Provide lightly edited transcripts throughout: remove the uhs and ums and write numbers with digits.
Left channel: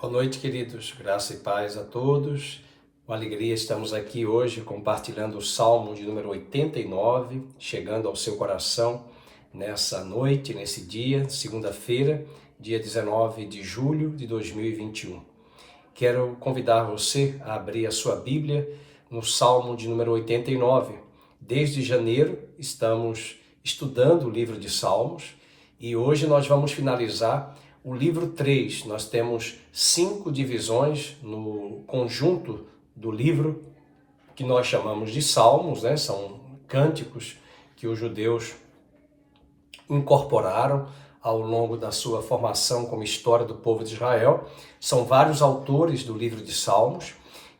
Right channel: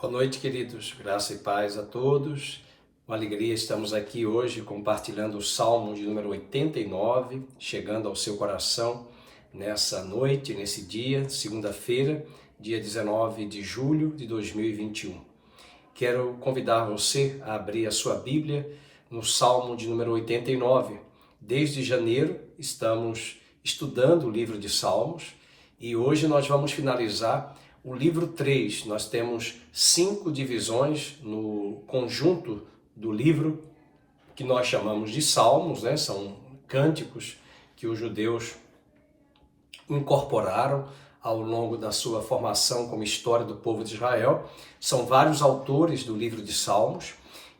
Boa noite, queridos. Graça e paz a todos. Com alegria estamos aqui hoje compartilhando o Salmo de número 89, chegando ao seu coração nessa noite, nesse dia, segunda-feira, dia 19 de julho de 2021. Quero convidar você a abrir a sua Bíblia no Salmo de número 89. Desde janeiro estamos estudando o livro de Salmos e hoje nós vamos finalizar o livro 3, nós temos 5 divisões no conjunto do livro que nós chamamos de Salmos, né? São cânticos que os judeus incorporaram ao longo da sua formação como história do povo de Israel. São vários autores do livro de Salmos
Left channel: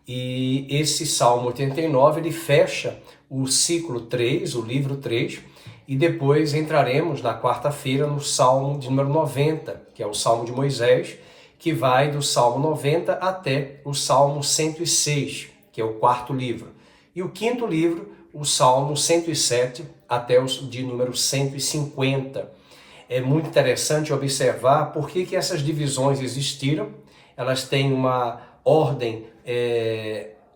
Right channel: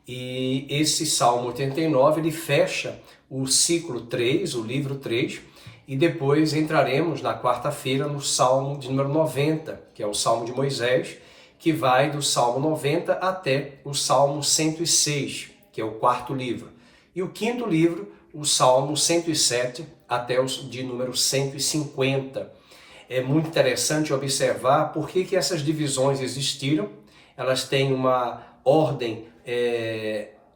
e esse Salmo 89 ele fecha o ciclo 3, o livro 3, e depois entraremos na quarta-feira no Salmo de número 90, que é o Salmo de Moisés, que vai do Salmo 90 até o Salmo 106, que é o quarto livro. E o quinto livro, o Salmo 107 até o de número 150. É muito interessante observar por que essas divisões existiram. Elas têm uma ordem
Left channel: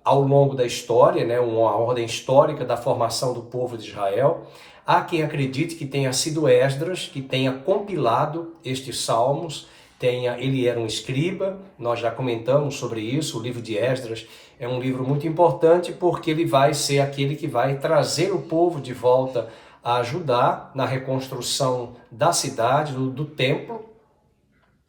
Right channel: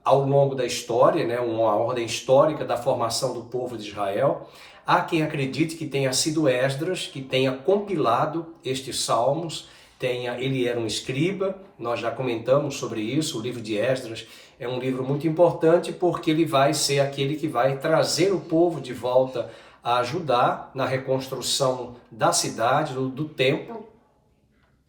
ao longo da história, né? Uma ordem histórica da formação do povo de Israel. Há quem acredite que tenha sido Esdras, que tenha compilado estes salmos, ele era um escriba, nós já comentamos sobre isso. O livro de Esdras é um livro muito importante porque ele vai ser aquele que vai trazer o povo de volta a Judá na reconstrução da cidade, do templo,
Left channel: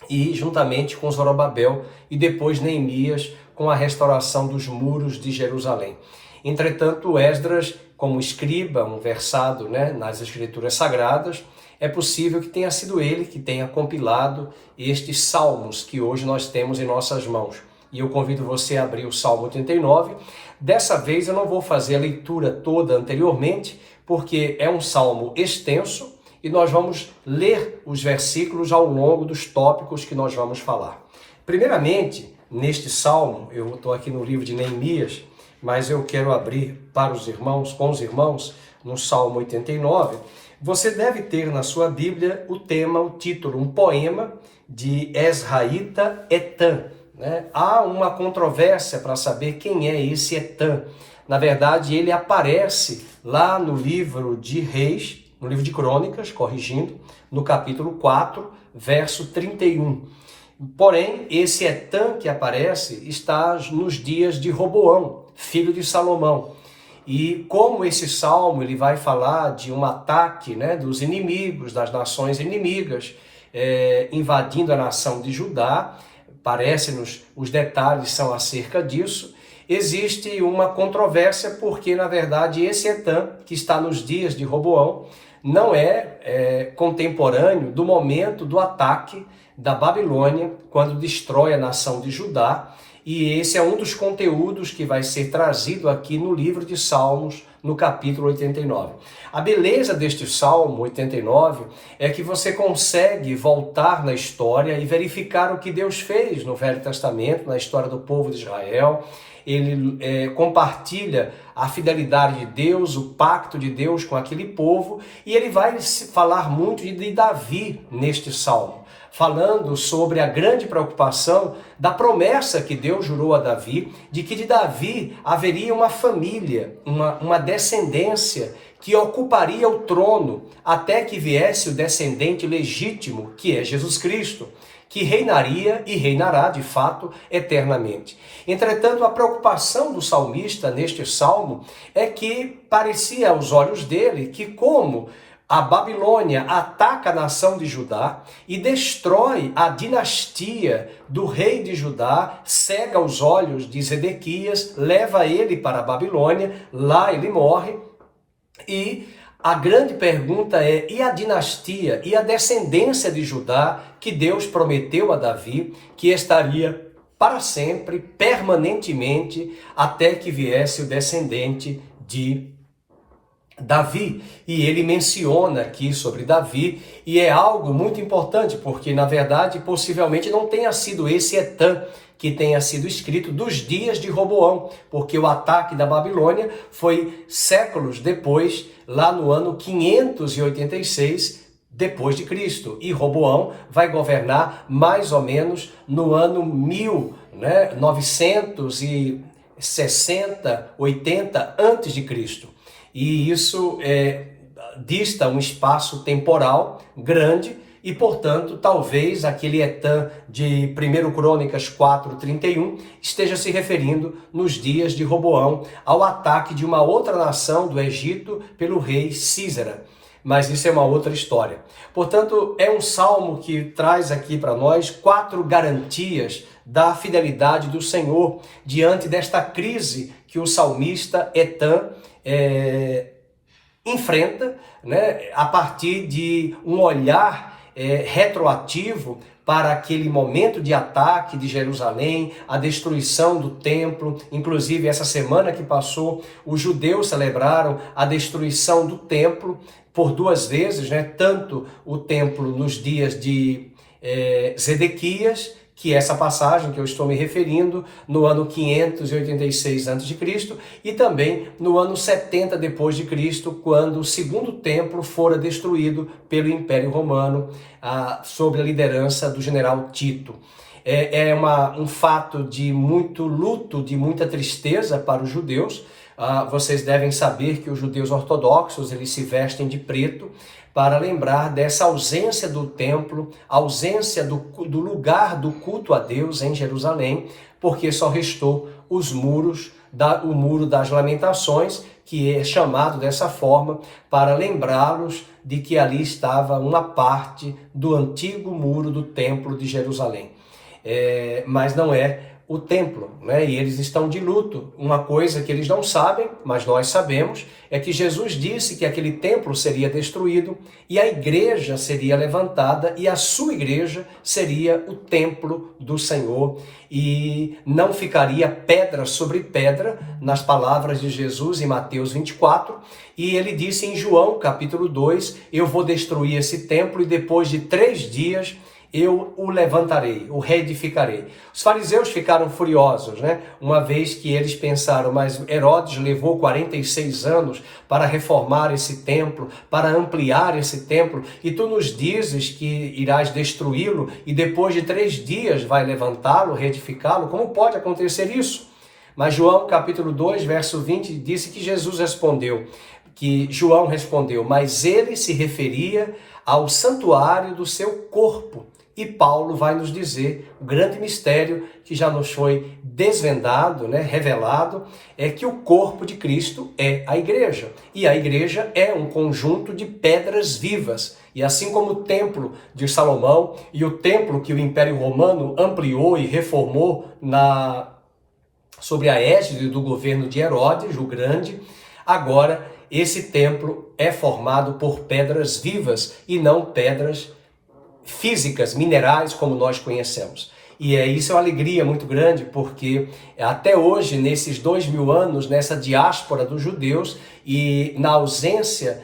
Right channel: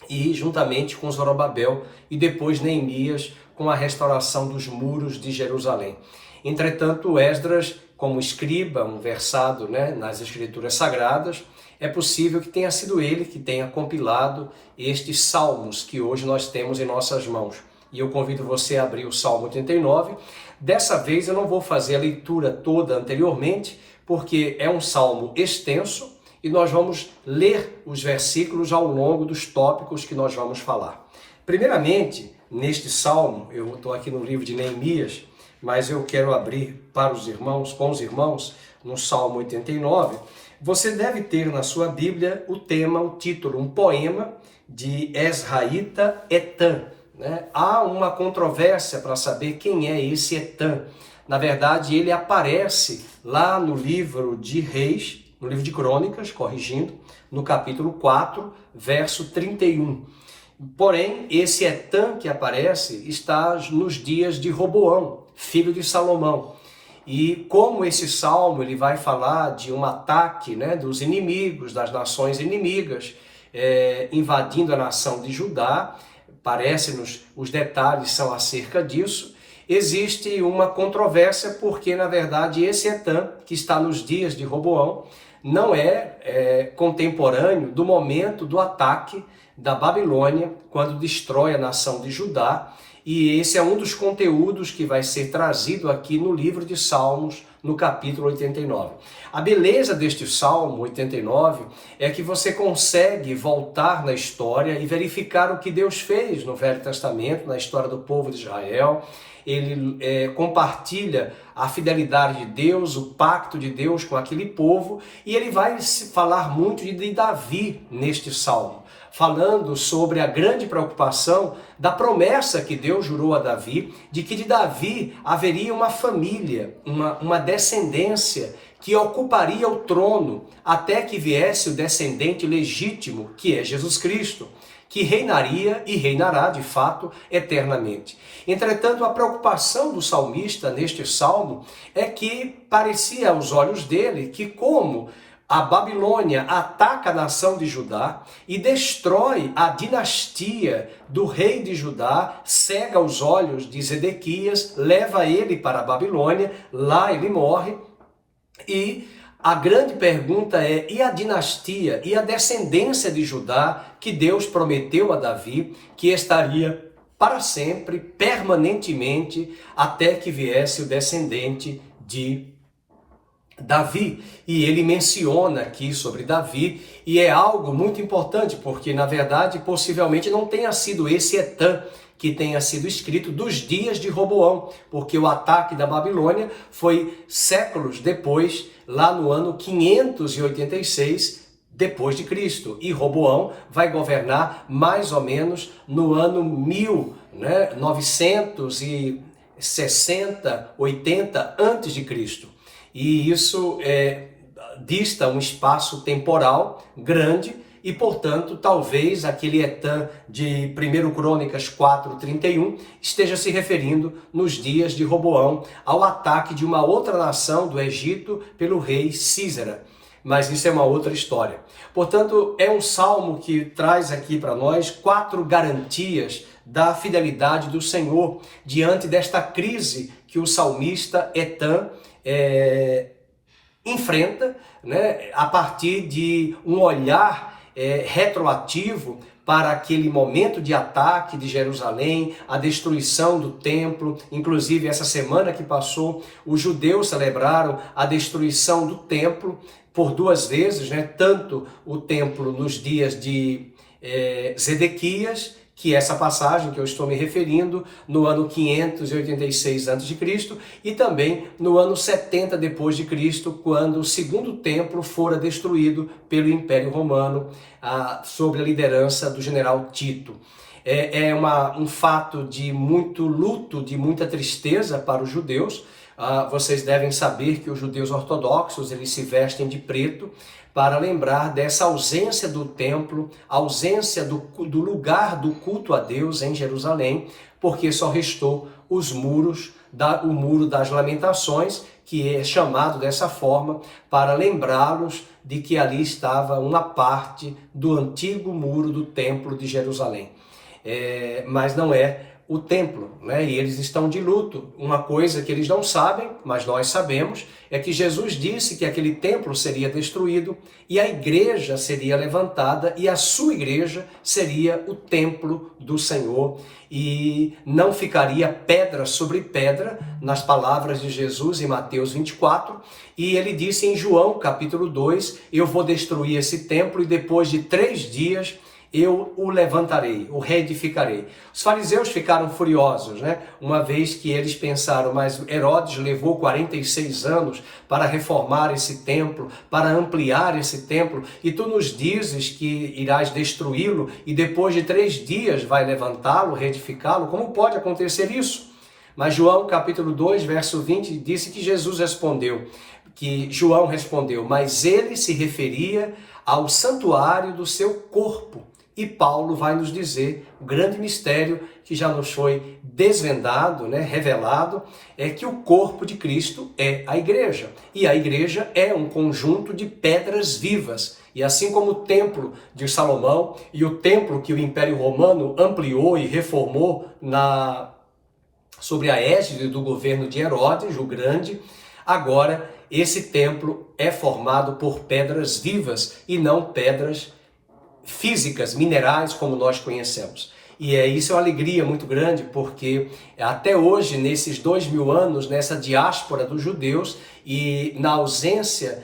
e juntamente com Zorobabel e depois Neemias com a restauração dos muros de Jerusalém. Entretanto, Esdras, como escriba, um versado, né, nas escrituras sagradas, é possível que tenha sido ele que tenha compilado estes salmos que hoje nós temos em nossas mãos. E eu convido você a abrir o Salmo 89. Dessa vez eu não vou fazer a leitura toda anteriormente, porque é um salmo extenso e nós vamos ler os versículos ao longo dos tópicos que nós vamos falar. Primeiramente, neste salmo, eu estou aqui no livro de Neemias, mas eu quero abrir para os irmãos, com os irmãos, no Salmo 89. Você deve ter na sua Bíblia o tema, o título, um poema de Ezraíta Etan, né? Há uma controvérsia para saber quem é esse Etan. Na verdade, ele aparece lá no livro de Reis, no livro de Crônicas, corrigindo, no capítulo 4, verso 31. Porém, esse Etan que aparece está nos dias de Roboão, filho de Salomão. E como esse salmo ele vai falar de um ataque, né, dos inimigos, das nações inimigas, invadindo a nação de Judá, parece-nos, os detalhes são acerca disso, existe uma controvérsia porque, na verdade, esse Etan, que está nos dias de Roboão, não é contemporâneo do momento do ataque da Babilônia, quando destrói a nação de Judá, e esse é um dos conteúdos que vai ser trazido aqui no livro de Salmos, no capítulo 89. A beleza deste Salmo 89 é que você consegue voltar na história e verificar o que Deus fez no Velho Testamento, na história do povo de Israel. Ele compartilha a fidelidade de Deus, o pacto de Deus com aquele povo, e ele vai falar muito de Davi neste salmo, falando sobre a grande preocupação da promessa que Deus jurou a Davi, de que de Davi haveria uma família, uma descendência que ocuparia o trono até que viesse o descendente legítimo, que é Jesus Cristo, que reinaria e reinará, de fato, eternamente. Entretanto, a preocupação do salmista neste salmo é que parecia aos olhos dele que, como a Babilônia ataca a nação de Judá e destrói a dinastia do rei de Judá, cega os olhos de Zedequias, leva ele para a Babilônia, lá ele morre. E a grande pergunta é: e a dinastia e a descendência de Judá que Deus prometeu a Davi, que estaria para sempre, permanentemente, até que viesse o descendente de Davi? E ele menciona aqui sobre Davi, e é algo muito importante, porque na verdade possivelmente não tenha sido esse Etan que tenha sido escrito dos dias de Roboão, porque o ataque da Babilônia foi séculos depois, lá no ano 586 depois de Cristo. E Roboão vai governar mais ou menos no ano 1960, 80 antes de Cristo. E isso dista um espaço temporal grande e, portanto, talvez aquele Etã de 1 Crônicas 4:31 esteja se referindo nos dias de Roboão ao ataque de uma outra nação do Egito pelo rei Císara. Mas isso é uma outra história. Portanto, é um salmo que traz aqui para nós 4 garantias da fidelidade do Senhor diante desta crise que o salmista Etã enfrenta, né, a partir de um olhar retroativo para aquele momento de ataque de Jerusalém, a destruição do templo. Inclusive, essa semana que passou, os judeus celebraram a destruição do templo por 2 vezes, né? Tanto o templo nos dias de Zedequias, que é essa passagem que eu estou me referindo, no ano 586 a.C., e também no ano 70 depois de Cristo, quando o segundo templo fora destruído pelo Império Romano, sob a liderança do general Tito. Um fato de muito luto, de muita tristeza para os judeus. Vocês devem saber que os judeus ortodoxos, eles se vestem de preto para lembrar dessa ausência do templo, ausência do lugar do culto a Deus em Jerusalém, porque só restou os muros, o muro das lamentações, que é chamado dessa forma, para lembrá-los de que ali estava uma parte do antigo muro do templo de Jerusalém. Mas não é o templo, né? E eles estão de luto. Uma coisa que eles não sabem, mas nós sabemos, é que Jesus disse que aquele templo seria destruído e a igreja seria levantada e a sua igreja seria o templo do Senhor e não ficaria pedra sobre pedra, nas palavras de Jesus em Mateus 24, e ele disse em João capítulo 2, eu vou destruir esse templo e depois de 3 dias eu o levantarei, o reedificarei. Os fariseus ficaram furiosos, né? Uma vez que eles pensaram, mas Herodes levou 46 anos para reformar esse templo, para ampliar esse templo, e tu nos dizes que irás destruí-lo e depois de 3 dias vai levantá-lo, reedificá-lo? Como pode acontecer isso? Mas João capítulo 2, verso 20, disse que João respondeu, mas ele se referia ao santuário do seu corpo. E Paulo vai nos dizer o grande mistério que já nos foi desvendado, né, revelado, é que o corpo de Cristo é a igreja. E a igreja é um conjunto de pedras vivas. E assim como o templo de Salomão e o templo que o Império Romano ampliou e reformou sobre a égide do governo de Herodes, o Grande, agora esse templo é formado por pedras vivas e não pedras físicas, minerais, como nós conhecemos. E isso é uma alegria muito grande, porque até hoje, nesses 2000 anos, nessa diáspora dos judeus e na ausência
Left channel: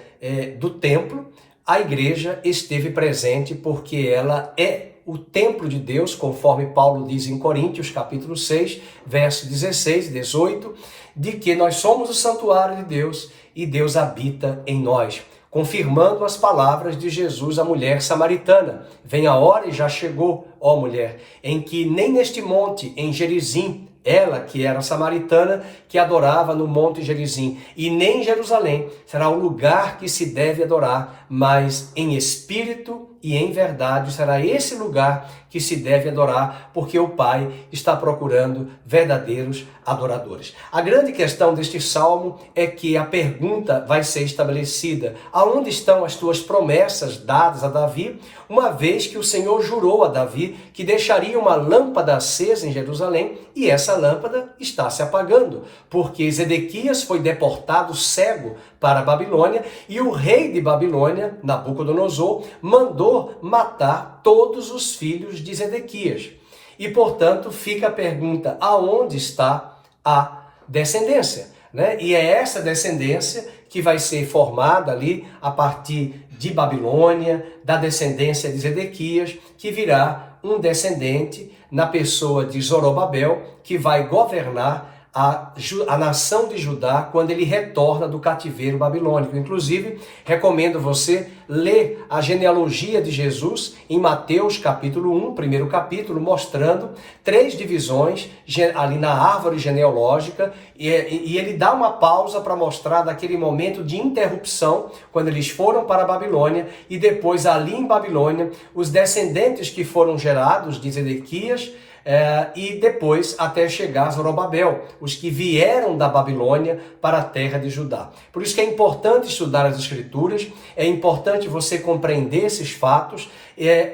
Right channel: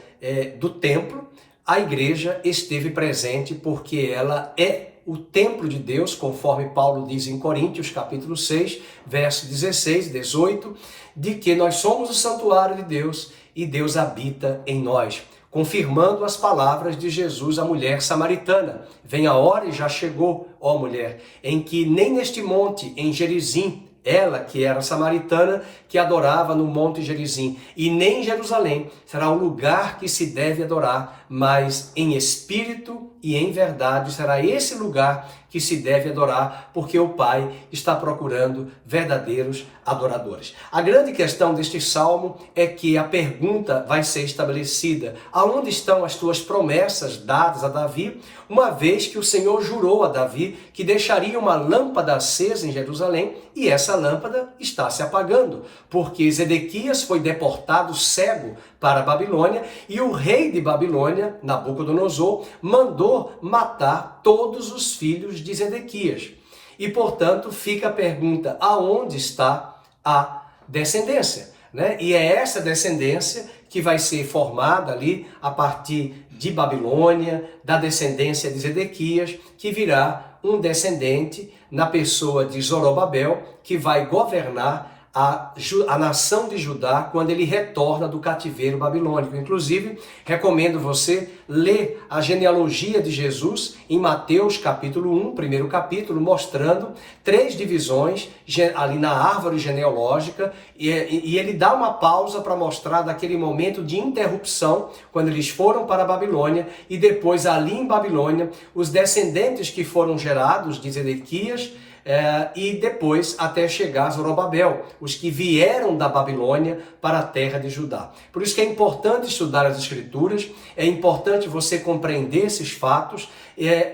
do templo, a igreja esteve presente porque ela é o templo de Deus, conforme Paulo diz em Coríntios, capítulo 6, verso 16 e 18, de que nós somos o santuário de Deus e Deus habita em nós, confirmando as palavras de Jesus à mulher samaritana. Vem a hora e já chegou, ó mulher, em que nem neste monte, em Gerizim, ela que era samaritana, que adorava no Monte Gerizim, e nem em Jerusalém será o lugar que se deve adorar, mas em espírito e em verdade será esse lugar que se deve adorar, porque o Pai está procurando verdadeiros adoradores. A grande questão deste salmo é que a pergunta vai ser estabelecida: aonde estão as tuas promessas dadas a Davi, uma vez que o Senhor jurou a Davi que deixaria uma lâmpada acesa em Jerusalém, e essa lâmpada está se apagando, porque Zedequias foi deportado cego para a Babilônia, e o rei de Babilônia, Nabucodonosor, mandou matar todos os filhos de Zedequias. E, portanto, fica a pergunta: aonde está a descendência? Né? E é essa descendência que vai ser formada ali a partir de Babilônia, da descendência de Zedequias, que virá um descendente na pessoa de Zorobabel, que vai governar a nação de Judá quando ele retorna do cativeiro babilônico. Inclusive, recomendo você ler a genealogia de Jesus em Mateus capítulo 1, primeiro capítulo, mostrando 3 divisões ali na árvore genealógica, e ele dá uma pausa para mostrar daquele momento de interrupção, quando eles foram para a Babilônia, e depois ali em Babilônia, os descendentes que foram gerados de Zedequias, e depois até chegar a Zorobabel, os que vieram da Babilônia para a terra de Judá. Por isso que é importante estudar as Escrituras, é importante você compreender esses fatos,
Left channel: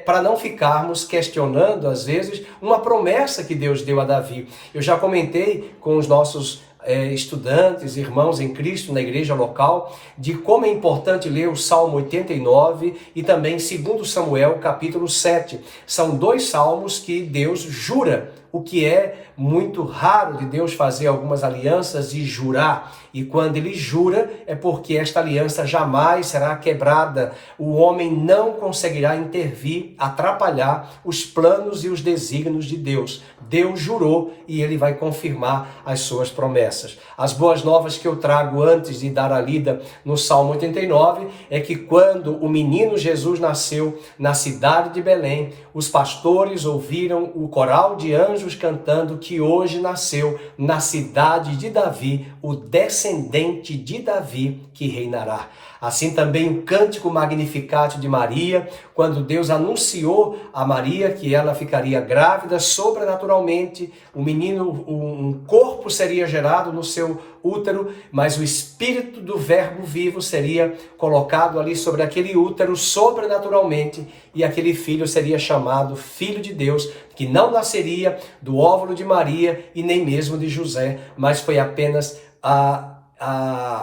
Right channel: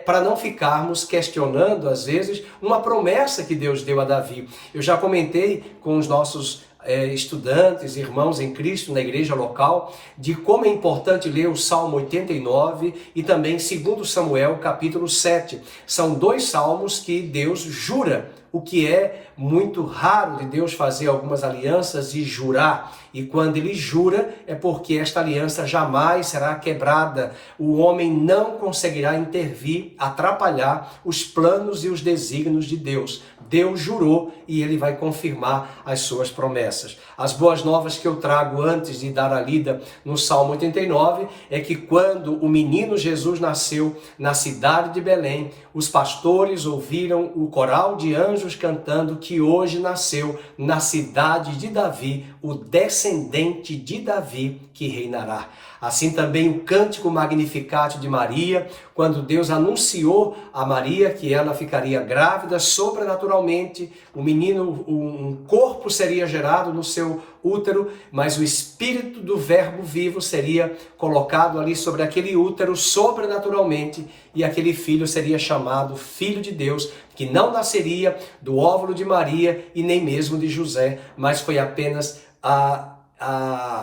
para não ficarmos questionando, às vezes, uma promessa que Deus deu a Davi. Eu já comentei com os nossos estudantes, irmãos em Cristo na igreja local, de como é importante ler o Salmo 89 e também 2 Samuel capítulo 7. São 2 salmos que Deus jura, o que é muito raro de Deus fazer algumas alianças e jurar. E quando ele jura, é porque esta aliança jamais será quebrada. O homem não conseguirá intervir, atrapalhar os planos e os desígnios de Deus. Deus jurou e ele vai confirmar as suas promessas. As boas novas que eu trago antes de dar a lida no Salmo 89 é que quando o menino Jesus nasceu na cidade de Belém, os pastores ouviram o coral de anjos cantando que hoje nasceu na cidade de Davi o descendente de Davi que reinará. Assim também o cântico Magnificat de Maria, quando Deus anunciou a Maria que ela ficaria grávida sobrenaturalmente, o menino, um corpo seria gerado no seu útero, mas o espírito do verbo vivo seria colocado ali sobre aquele útero sobrenaturalmente, e aquele filho seria chamado Filho de Deus, que não nasceria do óvulo de Maria e nem mesmo de José, mas foi apenas a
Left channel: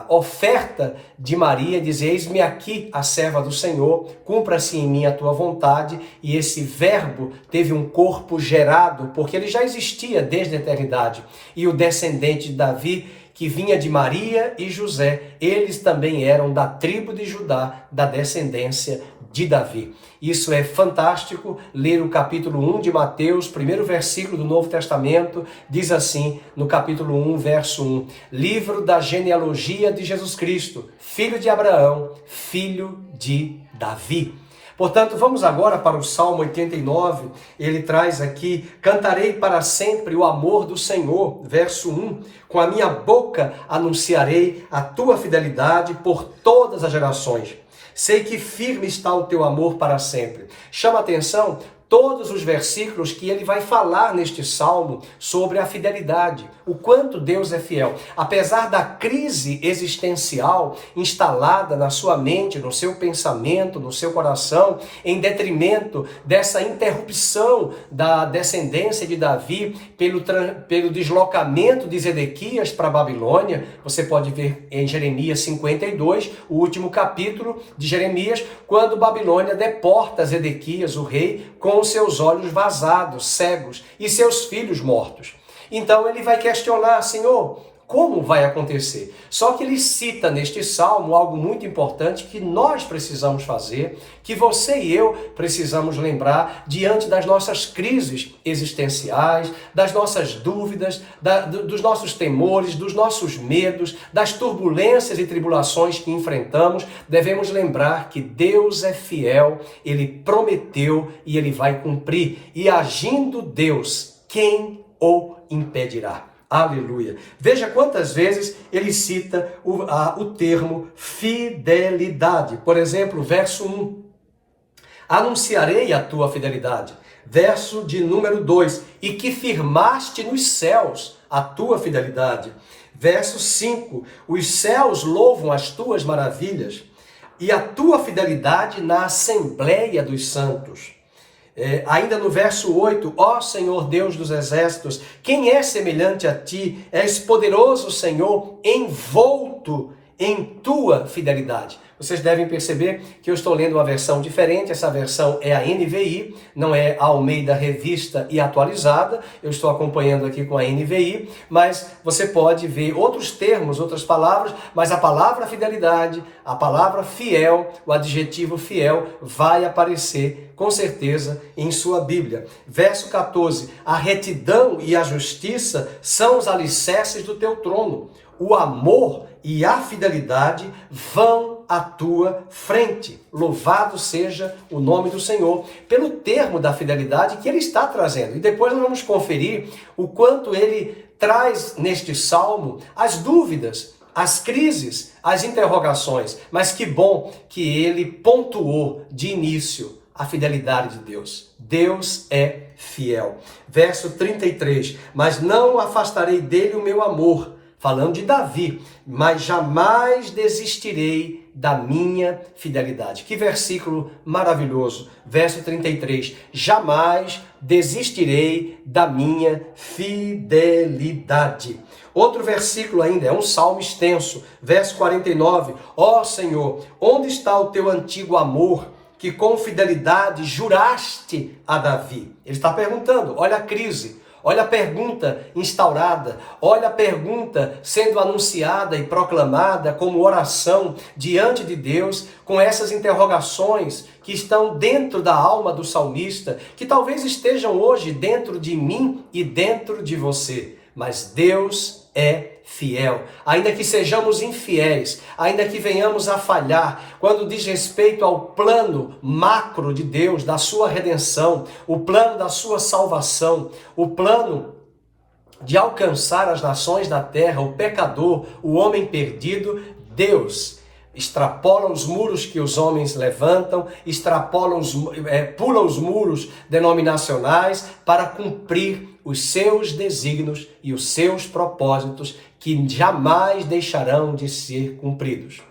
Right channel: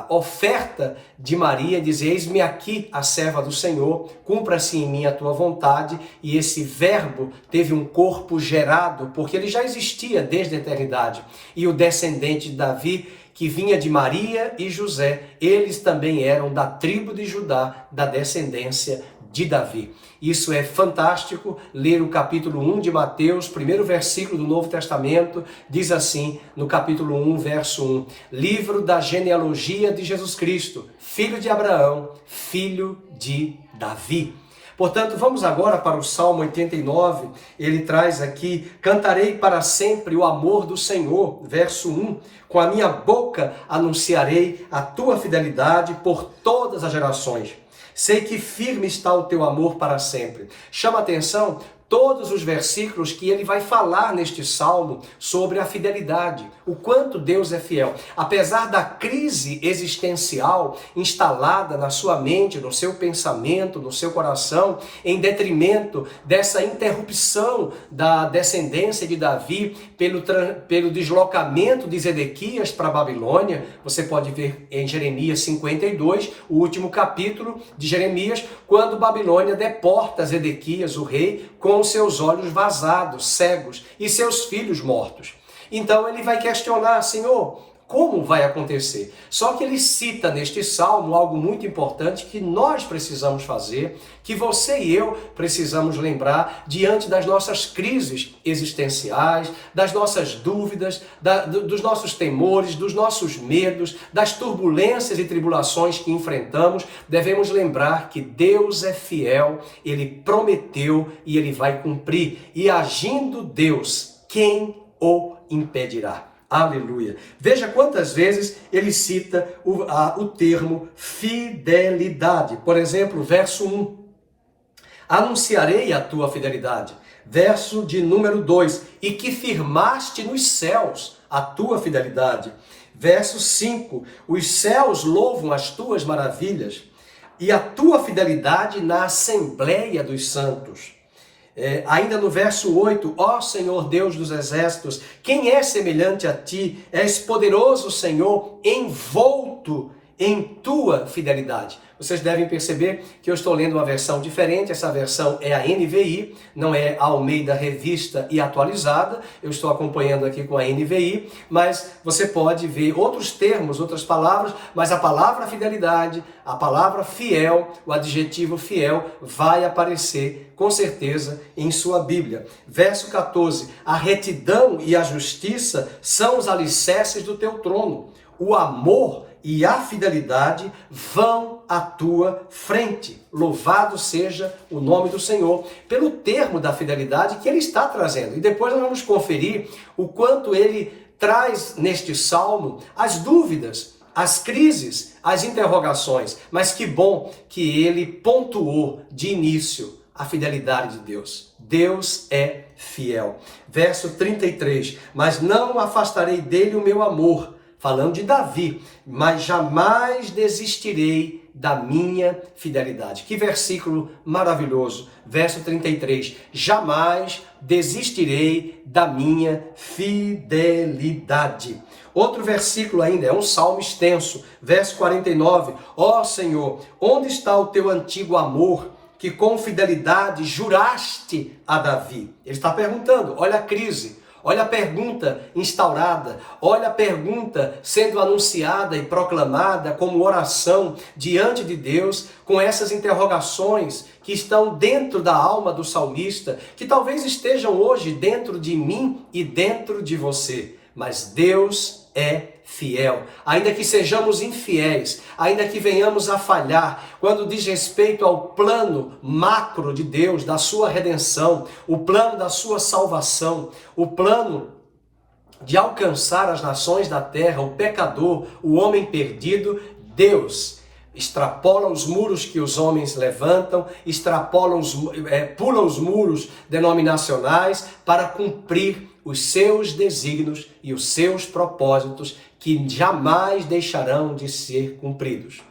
oferta de Maria, dizer: eis-me aqui a serva do Senhor, cumpra-se em mim a tua vontade. E esse verbo teve um corpo gerado, porque ele já existia desde a eternidade. E o descendente de Davi, que vinha de Maria e José, eles também eram da tribo de Judá, da descendência de Davi. Isso é fantástico. Ler o capítulo 1 de Mateus, primeiro versículo do Novo Testamento, diz assim, no capítulo 1, verso 1, livro da genealogia de Jesus Cristo, filho de Abraão, filho de Davi. Portanto, vamos agora para o Salmo 89, ele traz aqui: cantarei para sempre o amor do Senhor, verso 1, com a minha boca anunciarei a tua fidelidade por todas as gerações. Sei que firme está o teu amor para sempre. Chama atenção todos os versículos que ele vai falar neste salmo sobre a fidelidade, o quanto Deus é fiel. Apesar da crise existencial instalada na sua mente, no seu pensamento, no seu coração, em detrimento dessa interrupção da descendência de Davi pelo deslocamento de Zedequias para a Babilônia, você pode ver em Jeremias 52, o último capítulo de Jeremias, quando Babilônia deporta Zedequias, o rei, com os seus olhos vazados, cegos, e seus filhos mortos. Então ele vai questionar: Senhor, como vai acontecer? Só que ele cita neste salmo algo muito importante que nós precisamos fazer, que você e eu precisamos lembrar diante das nossas crises existenciais, das nossas dúvidas, dos nossos temores, dos nossos medos, das turbulências e tribulações que enfrentamos. Devemos lembrar que Deus é fiel, ele prometeu e ele vai cumprir. E agindo Deus, quem o impedirá? Aleluia. Veja quantas vezes ele cita o termo fidelidade. Por exemplo, verso 1. Anunciarei a tua fidelidade. Verso de número 2. E que firmaste nos céus a tua fidelidade. Verso 5. Os céus louvam as tuas maravilhas e a tua fidelidade na assembleia dos santos. Ainda no verso 8, ó Senhor Deus dos exércitos, quem é semelhante a ti? És poderoso, Senhor, envolto em tua fidelidade. Vocês devem perceber que eu estou lendo uma versão diferente, essa versão é a NVI, não é a Almeida Revista e Atualizada, eu estou acompanhando aqui com a NVI, mas você pode ver outros termos, outras palavras, mas a palavra fidelidade, a palavra fiel, o adjetivo fiel vai aparecer com certeza em sua Bíblia. Verso 14, a retidão e a justiça são os alicerces do teu trono, o amor e a fidelidade vão à tua frente. Louvado seja o nome do Senhor pelo termo da fidelidade que ele está trazendo. E depois nós vamos conferir o quanto ele traz neste salmo as dúvidas, as crises, as interrogações. Mas que bom que ele pontuou de início a fidelidade de Deus. Deus é fiel. Verso 33, mas não afastarei dele o meu amor, falando de Davi, mas jamais desistirei da minha fidelidade. Que versículo maravilhoso. Verso 33, jamais desistirei da minha fidelidade. Outro versículo ainda, é um salmo extenso. Verso 49, ó Senhor, onde está o teu antigo amor, que com fidelidade juraste a Davi? Ele está perguntando, olha a crise. Olha a pergunta instaurada, olha a pergunta sendo anunciada e proclamada como oração diante de Deus, com essas interrogações que estão dentro da alma do salmista, que talvez estejam hoje dentro de mim e dentro de você. Mas Deus é fiel, ainda que sejamos infiéis, ainda que venhamos a falhar, quando diz respeito ao plano macro de Deus, da sua redenção, o plano da sua salvação, o plano de alcançar as nações da terra, o pecador, o homem perdido, Deus extrapola os muros que os homens levantam, pula os muros denominacionais para cumprir os seus desígnios e os seus propósitos que jamais deixarão de ser cumpridos.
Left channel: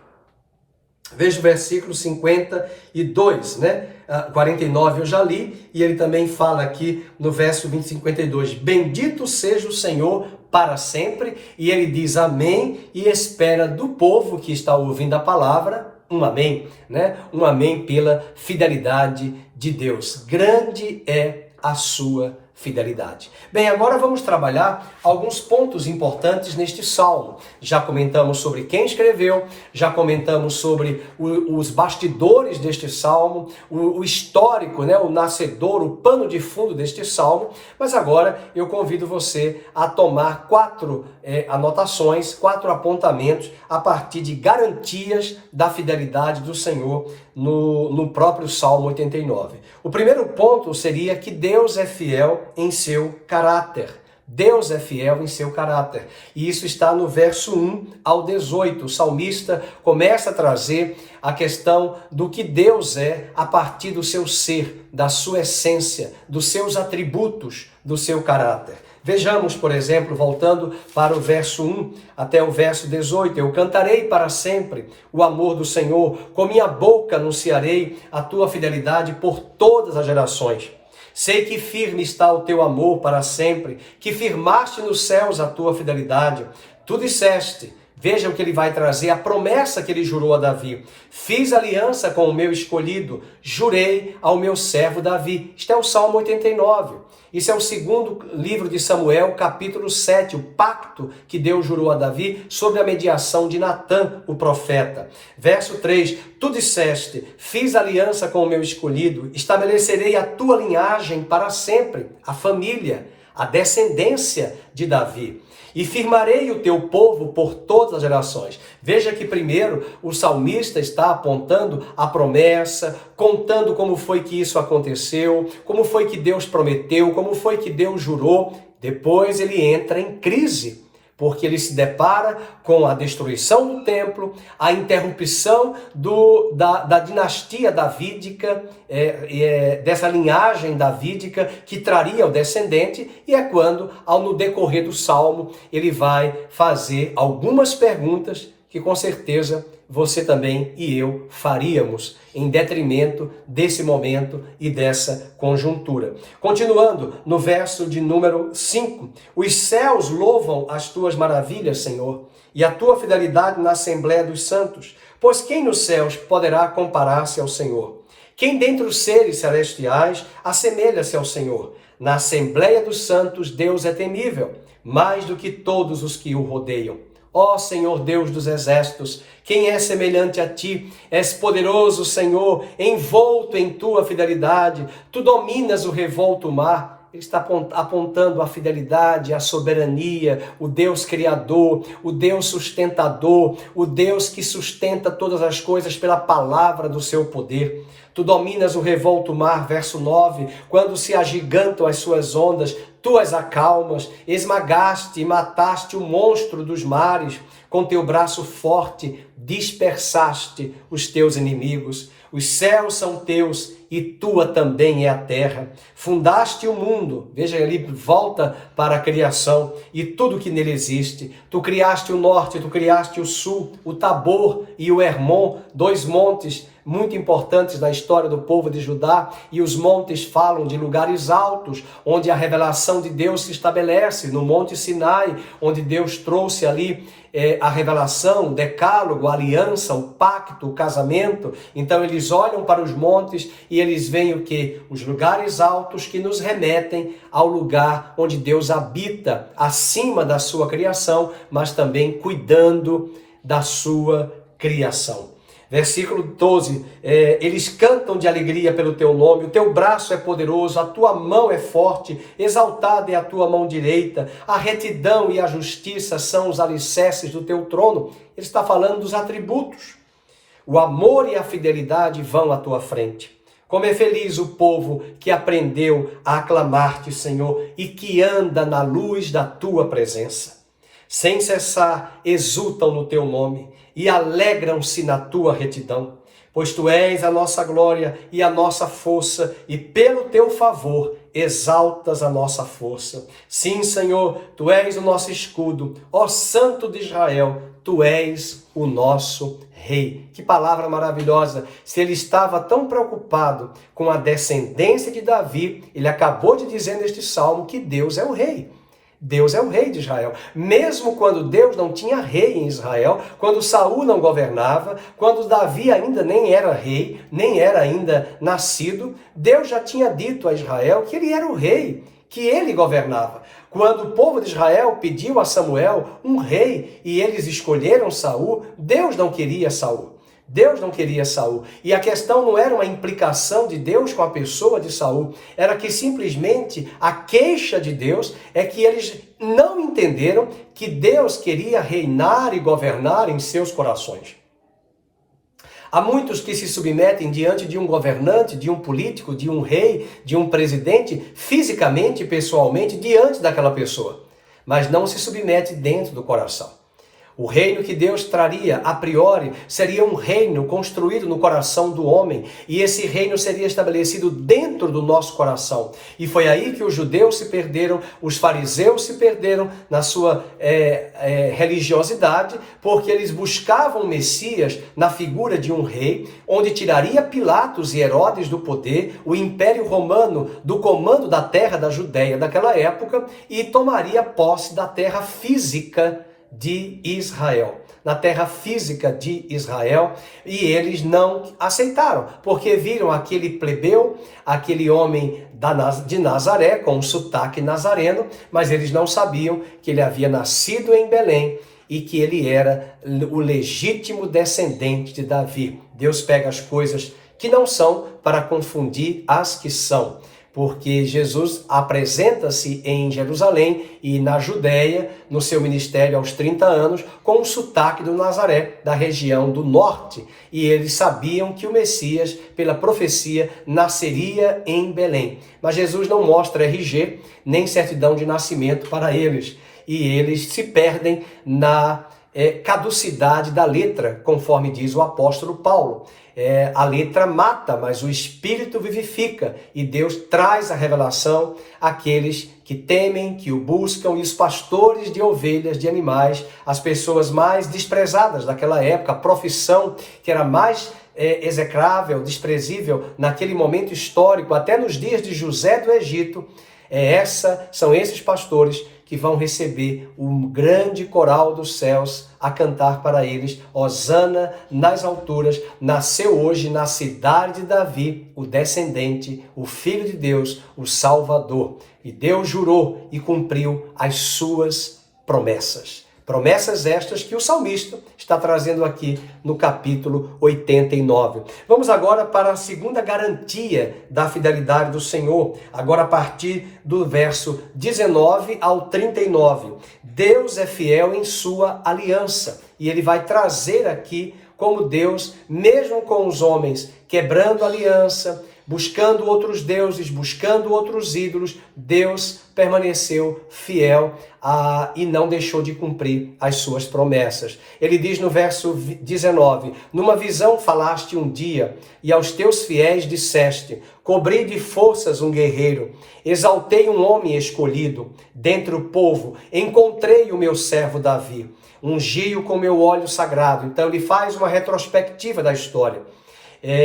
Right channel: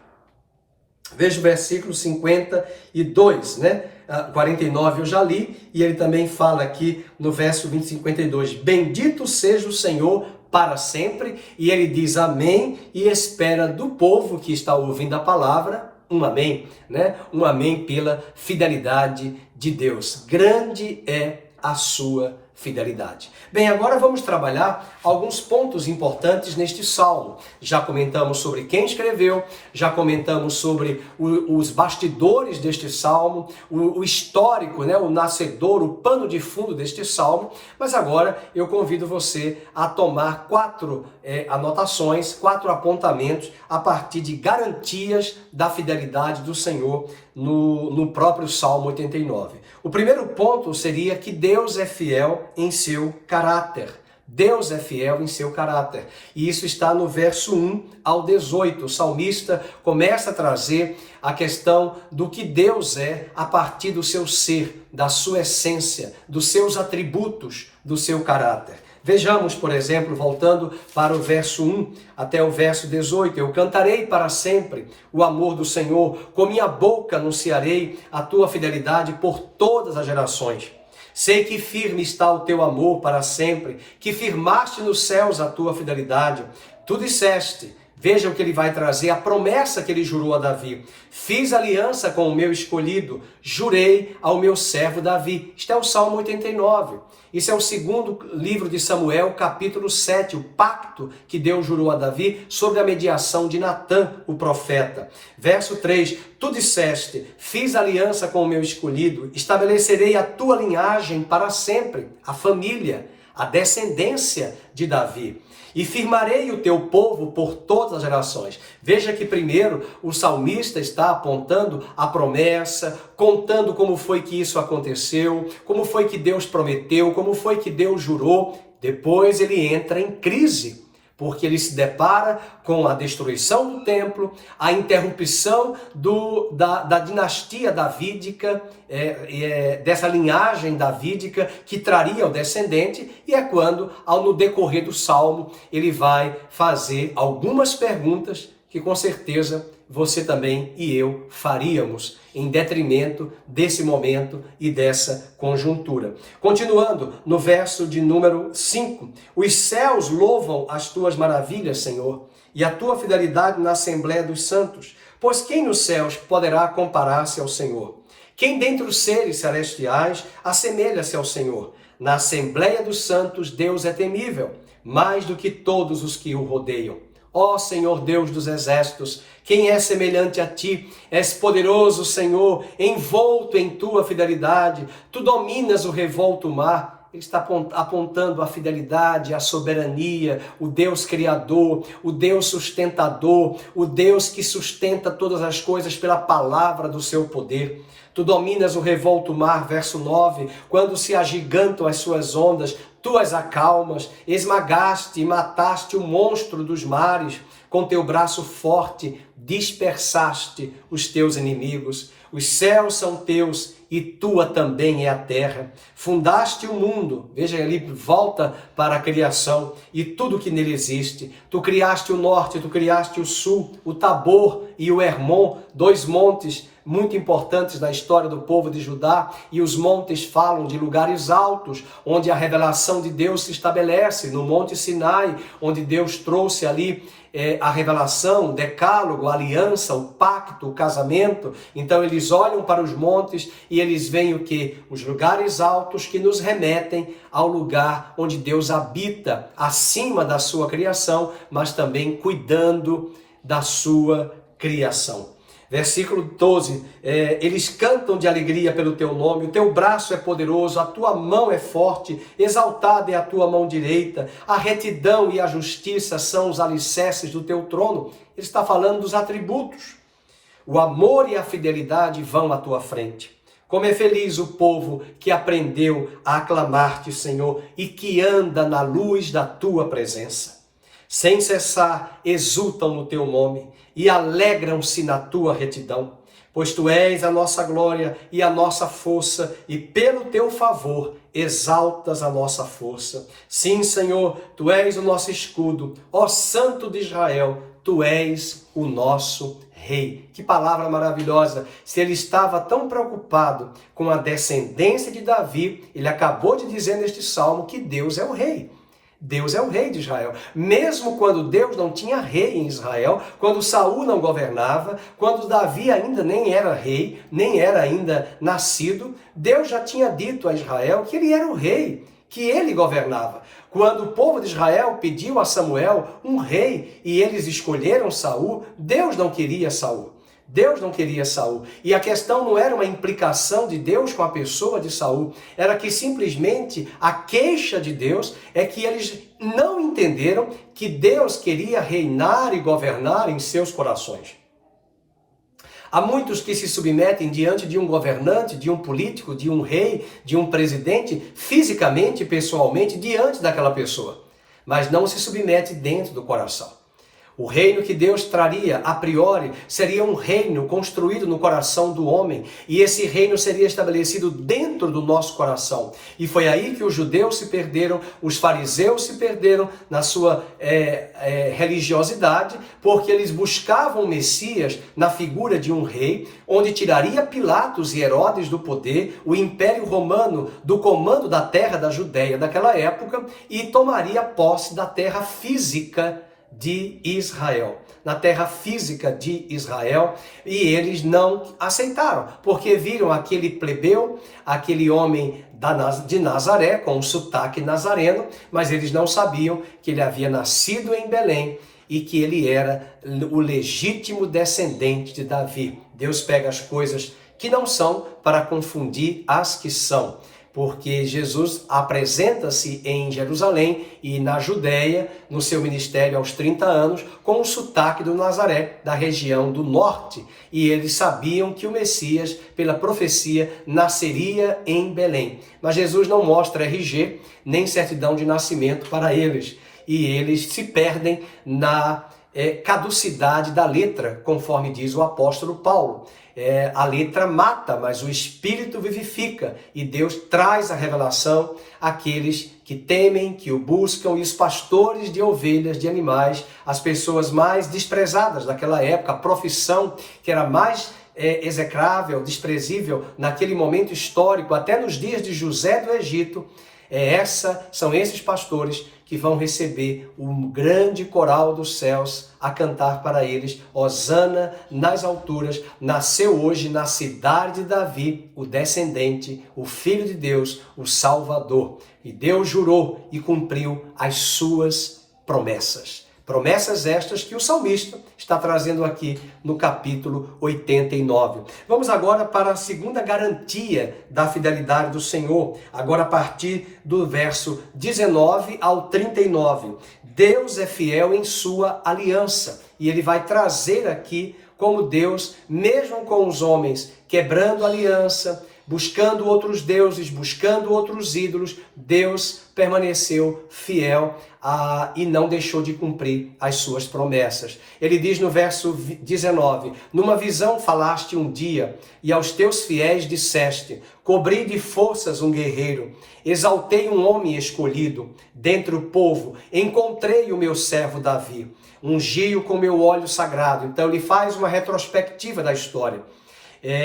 Veja o versículo 52, né? 49 eu já li, e ele também fala aqui no verso 20, 52, bendito seja o Senhor para sempre, e ele diz amém, e espera do povo que está ouvindo a palavra, um amém, né? Um amém pela fidelidade de Deus. Grande é a sua fidelidade. Bem, agora vamos trabalhar alguns pontos importantes neste salmo. Já comentamos sobre quem escreveu, já comentamos sobre os bastidores deste salmo, o histórico, né, o nascedor, o pano de fundo deste salmo, mas agora eu convido você a tomar 4 anotações, 4 apontamentos a partir de garantias da fidelidade do Senhor no próprio Salmo 89. O primeiro ponto seria que Deus é fiel em seu caráter. Deus é fiel em seu caráter. E isso está no verso 1 ao 18. O salmista começa a trazer a questão do que Deus é a partir do seu ser, da sua essência, dos seus atributos, do seu caráter. Vejamos, por exemplo, voltando para o verso 1 até o verso 18. Eu cantarei para sempre o amor do Senhor, com minha boca anunciarei a tua fidelidade por todas as gerações. Sei que firme está o teu amor para sempre, que firmaste nos céus a tua fidelidade. Tu disseste, veja o que ele vai trazer, a promessa que ele jurou a Davi. Fiz aliança com o meu escolhido, jurei ao meu servo Davi. Isto é o Salmo 89. Isso é o segundo livro de Samuel, capítulo 7, o pacto que Deus jurou a Davi sobre a mediação de Natã, o profeta. Verso 3, tu disseste, fiz aliança com o meu escolhido, estabelecerei a tua linhagem para sempre, a família, a descendência de Davi. E firmarei o teu povo por todas as gerações. Veja que primeiro o salmista está apontando a promessa, contando como foi que isso aconteceu, como foi que Deus prometeu, como foi que Deus jurou. Depois ele entra em crise, porque ele se depara com a destruição do templo, a interrupção da dinastia davídica, dessa linhagem davídica que traria o descendente, e é quando, no decorrer do salmo, ele vai fazer algumas perguntas que com certeza você também e eu faríamos em detrimento desse momento e dessa conjuntura. Continuando no verso de número 5, os céus louvam as tuas maravilhas, Senhor, e a tua fidelidade na Assembleia dos Santos. Pois quem nos céus poderá comparar-se ao Senhor? Quem dentre os seres celestiais assemelha-se ao Senhor? Na Assembleia dos Santos, Deus é temível, mais do que todos os que o rodeiam. Ó Senhor Deus dos exércitos, quem é semelhante a ti? És poderoso, Senhor, envolto em tua fidelidade. Tu dominas o revolto mar. Ele está apontando a fidelidade, a soberania, o Deus criador, o Deus sustentador, o Deus que sustenta todas as coisas pela palavra do seu poder. Tu dominas o revolto mar, verso 9, quando se agigantam as suas ondas, tu as acalmas, esmagaste e mataste o monstro dos mares, com teu braço forte dispersaste os teus inimigos. Os céus são teus e tua também é a terra. Fundaste o mundo, veja ali, volta para a criação e tudo que nele existe. Tu criaste o norte, tu criaste o sul, o Tabor e o Hermon, dois montes muito importantes na história do povo de Judá, e os montes falam de lugares altos, onde a revelação de Deus se estabelece, no Monte Sinai, onde Deus trouxe ali a revelação, o decálogo, a aliança, o pacto, o casamento. Então eles olham para os montes e eles veem o quê? Os lugares altos que nos remetem ao lugar onde Deus habita, acima da sua criação, mas também cuidando da sua criação. Versículo 12, eles cantam de alegria pelo teu nome, o teu braço é poderoso, a tua mão é forte, exaltada é a tua mão direita, a retidão e a justiça são os alicerces do teu trono. Ele está falando dos atributos. O amor e a fidelidade vão à tua frente. Como é feliz o povo que aprendeu a aclamar-te, Senhor, e que anda na luz da tua presença. Sem cessar, exultam no teu nome e alegram-se na tua retidão, pois tu és a nossa glória e a nossa força, e pelo teu favor exaltas a nossa força. Sim, Senhor, tu és o nosso escudo, ó Santo de Israel, tu és o nosso Rei. Que palavra maravilhosa! Se ele estava tão preocupado com a descendência de Davi, ele acabou de dizer neste salmo que Deus é o Rei. Deus é o rei de Israel. Mesmo quando Deus não tinha rei em Israel, quando Saul não governava, quando Davi ainda nem era rei, nem era ainda nascido, Deus já tinha dito a Israel que ele era o rei, que ele governava. Quando o povo de Israel pediu a Samuel um rei e eles escolheram Saul, Deus não queria Saul. Deus não queria Saul. E a questão não era uma implicação de Deus com a pessoa de Saul, era que simplesmente a queixa de Deus é que eles não entenderam que Deus queria reinar e governar em seus corações. Há muitos que se submetem diante de um governante, de um político, de um rei, de um presidente, fisicamente, pessoalmente, diante daquela pessoa, mas não se submete dentro do coração. O reino que Deus traria, a priori, seria um reino construído no coração do homem, e esse reino seria estabelecido dentro do nosso coração. E foi aí que os judeus se perderam, os fariseus se perderam na sua religiosidade, porque eles buscavam o Messias na figura de um rei, onde tiraria Pilatos e Herodes do poder, o Império Romano do comando da terra da Judéia daquela época, e tomaria posse da terra física de Israel, na terra física de Israel, e eles não aceitaram, porque viram aquele plebeu, aquele homem de Nazaré, com um sotaque nazareno, mas eles não sabiam que ele havia nascido em Belém e que ele era o legítimo descendente de Davi. Deus pega as coisas que não são para confundir as que são. Porque Jesus apresenta-se em Jerusalém e na Judéia, no seu ministério aos 30 anos, com o sotaque do Nazaré, da região do norte. E eles sabiam que o Messias, pela profecia, nasceria em Belém. Mas Jesus não mostra RG, nem certidão de nascimento para eles. E eles se perdem na caducidade da letra, conforme diz o apóstolo Paulo. A letra mata, mas o Espírito vivifica, e Deus traz a revelação àqueles que temem, que o buscam, e os pastores de ovelhas, de animais, as pessoas mais desprezadas daquela época, a profissão que era mais execrável, desprezível naquele momento histórico, até nos dias de José do Egito, São esses pastores que vão receber um grande coral dos céus a cantar para eles: Hosana nas alturas, nasceu hoje na cidade de Davi o descendente, o Filho de Deus, o Salvador. E Deus jurou e cumpriu as suas promessas. Promessas estas que o salmista está trazendo aqui no capítulo 89. Vamos agora para a segunda garantia da fidelidade do Senhor, agora a partir do verso 19 ao 39. Deus é fiel em sua aliança, e ele vai trazer aqui como Deus, mesmo com os homens quebrando aliança, buscando outros deuses, buscando outros ídolos, Deus permaneceu fiel e não deixou de cumprir as suas promessas. Ele diz no verso 19: numa visão falaste um dia, e aos teus fiéis disseste: cobri de forças um guerreiro, exaltei um homem escolhido, dentre o povo, encontrei o meu servo Davi, ungi-o com meu óleo sagrado. Então ele faz uma retrospectiva da história.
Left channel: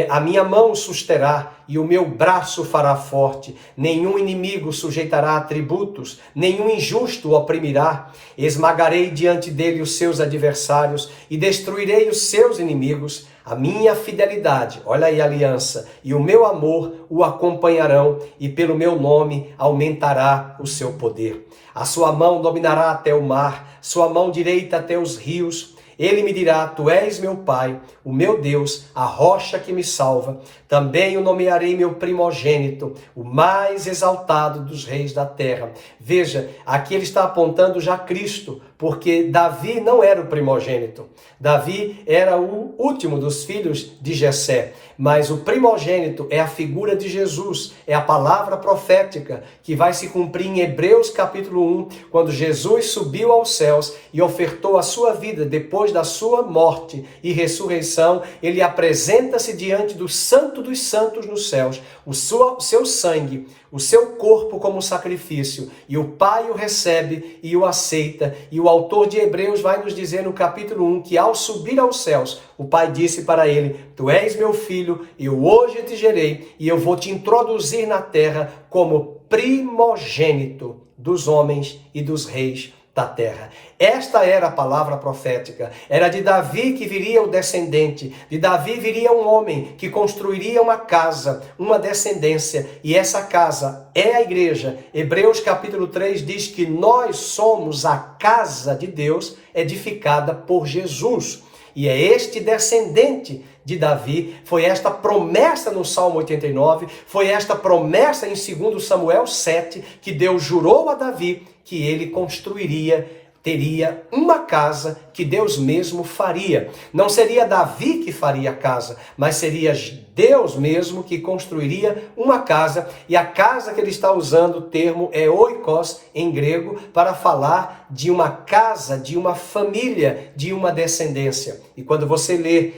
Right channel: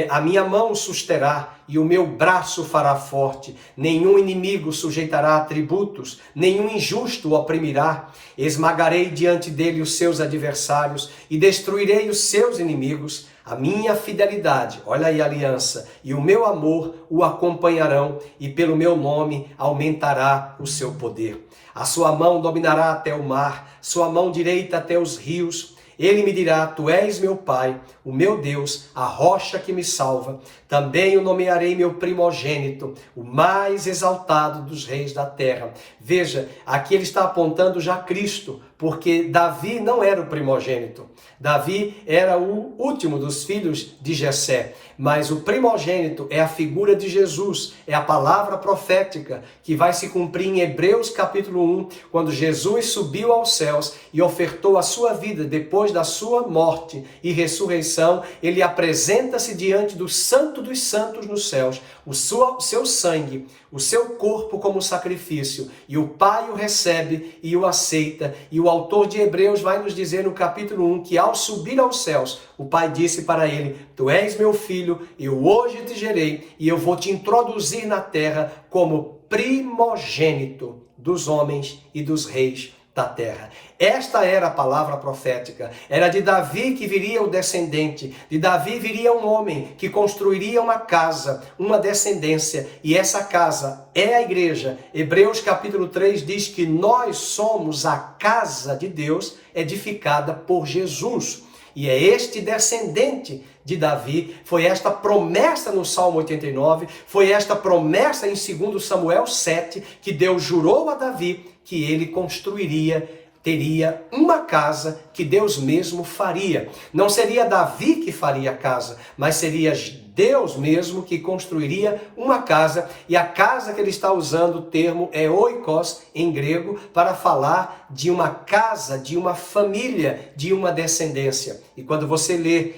A minha mão susterá e o meu braço fará forte. Nenhum inimigo sujeitará a tributos, nenhum injusto o oprimirá. Esmagarei diante dele os seus adversários e destruirei os seus inimigos. A minha fidelidade, olha aí a aliança, e o meu amor o acompanharão, e pelo meu nome aumentará o seu poder. A sua mão dominará até o mar, sua mão direita até os rios. Ele me dirá: tu és meu Pai, o meu Deus, a rocha que me salva. Também o nomearei meu primogênito, o mais exaltado dos reis da terra. Veja, aqui ele está apontando já Cristo, porque Davi não era o primogênito. Davi era o último dos filhos de Jessé, mas o primogênito é a figura de Jesus, é a palavra profética que vai se cumprir em Hebreus capítulo 1, quando Jesus subiu aos céus e ofertou a sua vida depois da sua morte e ressurreição. Ele apresenta-se diante do Santo dos Santos nos céus, o seu sangue, o seu corpo como sacrifício, e o Pai o recebe e o aceita. E o autor de Hebreus vai nos dizer no capítulo 1 que ao subir aos céus, o Pai disse para ele: tu és meu filho, eu hoje te gerei e eu vou te introduzir na terra como primogênito dos homens e dos reis da terra. Esta era a palavra profética. Era de Davi que viria o descendente. De Davi viria um homem que construiria uma casa, uma descendência. E essa casa é a igreja. Hebreus capítulo 3 diz que nós somos a casa de Deus edificada por Jesus. E é este descendente de Davi, foi esta promessa no Salmo 89, foi esta promessa em 2 Samuel 7, que Deus jurou a Davi que ele construiria, teria uma casa que Deus mesmo faria. Não seria Davi que faria a casa, mas seria Deus mesmo que construiria uma casa. E a casa que ele está usando, o termo é oikos em grego, para falar de uma casa, de uma família, de uma descendência. E quando você lê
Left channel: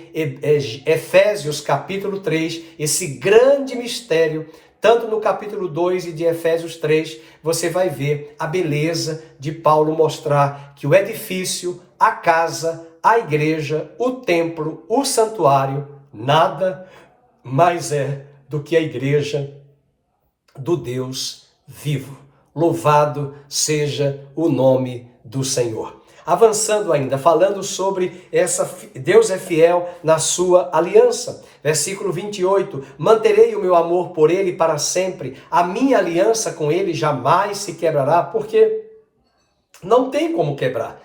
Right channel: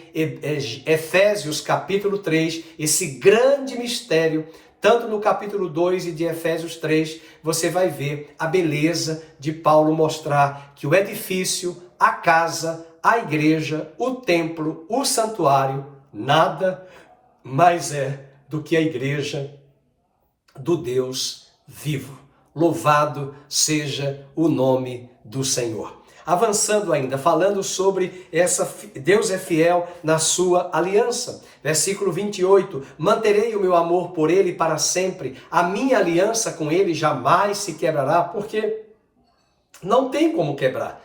Efésios capítulo 3, esse grande mistério, tanto no capítulo 2 e de Efésios 3, você vai ver a beleza de Paulo mostrar que o edifício, a casa, a igreja, o templo, o santuário, nada mais é do que a igreja do Deus vivo. Louvado seja o nome do Senhor. Avançando ainda, falando sobre Deus é fiel na sua aliança. Versículo 28, manterei o meu amor por ele para sempre, a minha aliança com ele jamais se quebrará, porque não tem como quebrar.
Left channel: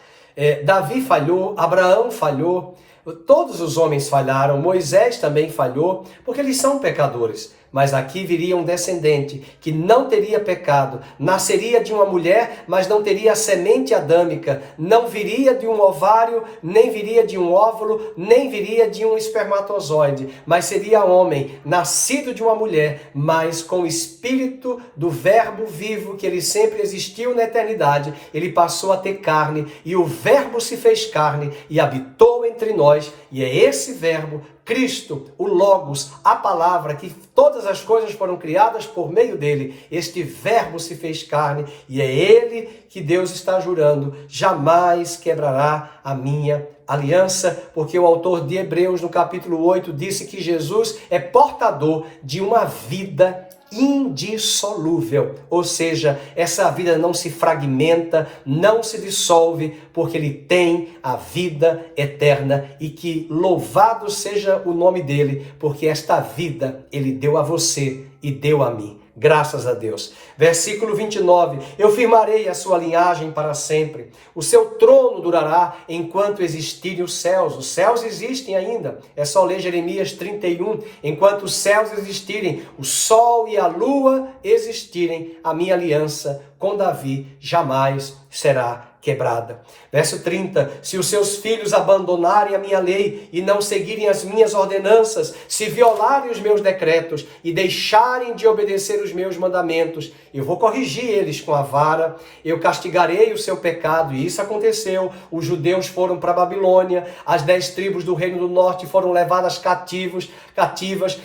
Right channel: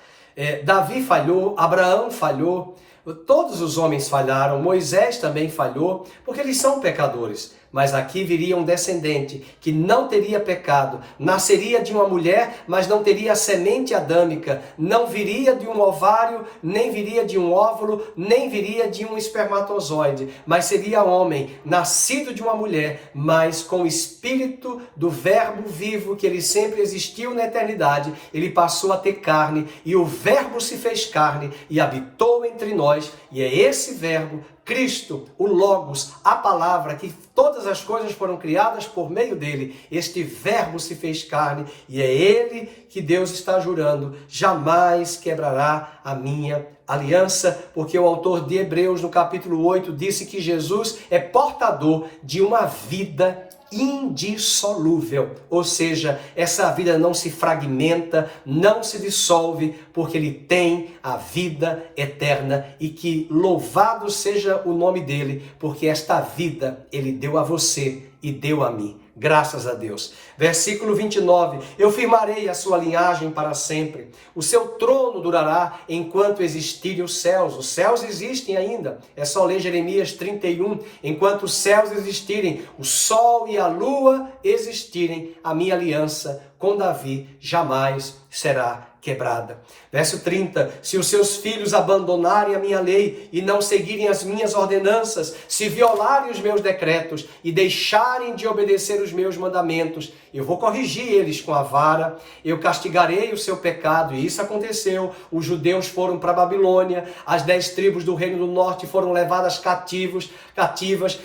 Davi falhou, Abraão falhou, todos os homens falharam, Moisés também falhou, porque eles são pecadores. Mas aqui viria um descendente que não teria pecado, nasceria de uma mulher, mas não teria a semente adâmica, não viria de um ovário, nem viria de um óvulo, nem viria de um espermatozoide, mas seria homem, nascido de uma mulher, mas com o espírito do verbo vivo, que ele sempre existiu na eternidade. Ele passou a ter carne, e o verbo se fez carne e habitou entre nós, e é esse verbo, Cristo, o Logos, a palavra, que todas as coisas foram criadas por meio dele. Este verbo se fez carne e é ele que Deus está jurando: jamais quebrará a minha aliança, porque o autor de Hebreus, no capítulo 8, disse que Jesus é portador de uma vida indissolúvel, ou seja, essa vida não se fragmenta, não se dissolve, porque ele tem a vida eterna e que louvado seja o nome dele, porque esta vida ele deu a você e deu a mim. Graças a Deus. Versículo 29. Eu firmarei a sua linhagem para sempre. O seu trono durará enquanto existirem os céus. Os céus existem ainda. É só ler Jeremias 31. Enquanto os céus existirem, o sol e a lua existirem, a minha aliança com Davi jamais será quebrada. Verso 30, se os seus filhos abandonarem a minha lei e não seguirem as minhas ordenanças, se violarem os meus decretos e deixarem de obedecer os meus mandamentos, eu vou corrigir eles com a vara, eu castigarei o seu pecado, e isso aconteceu. Os judeus foram para a Babilônia, as 10 tribos do reino do norte foram levadas cativas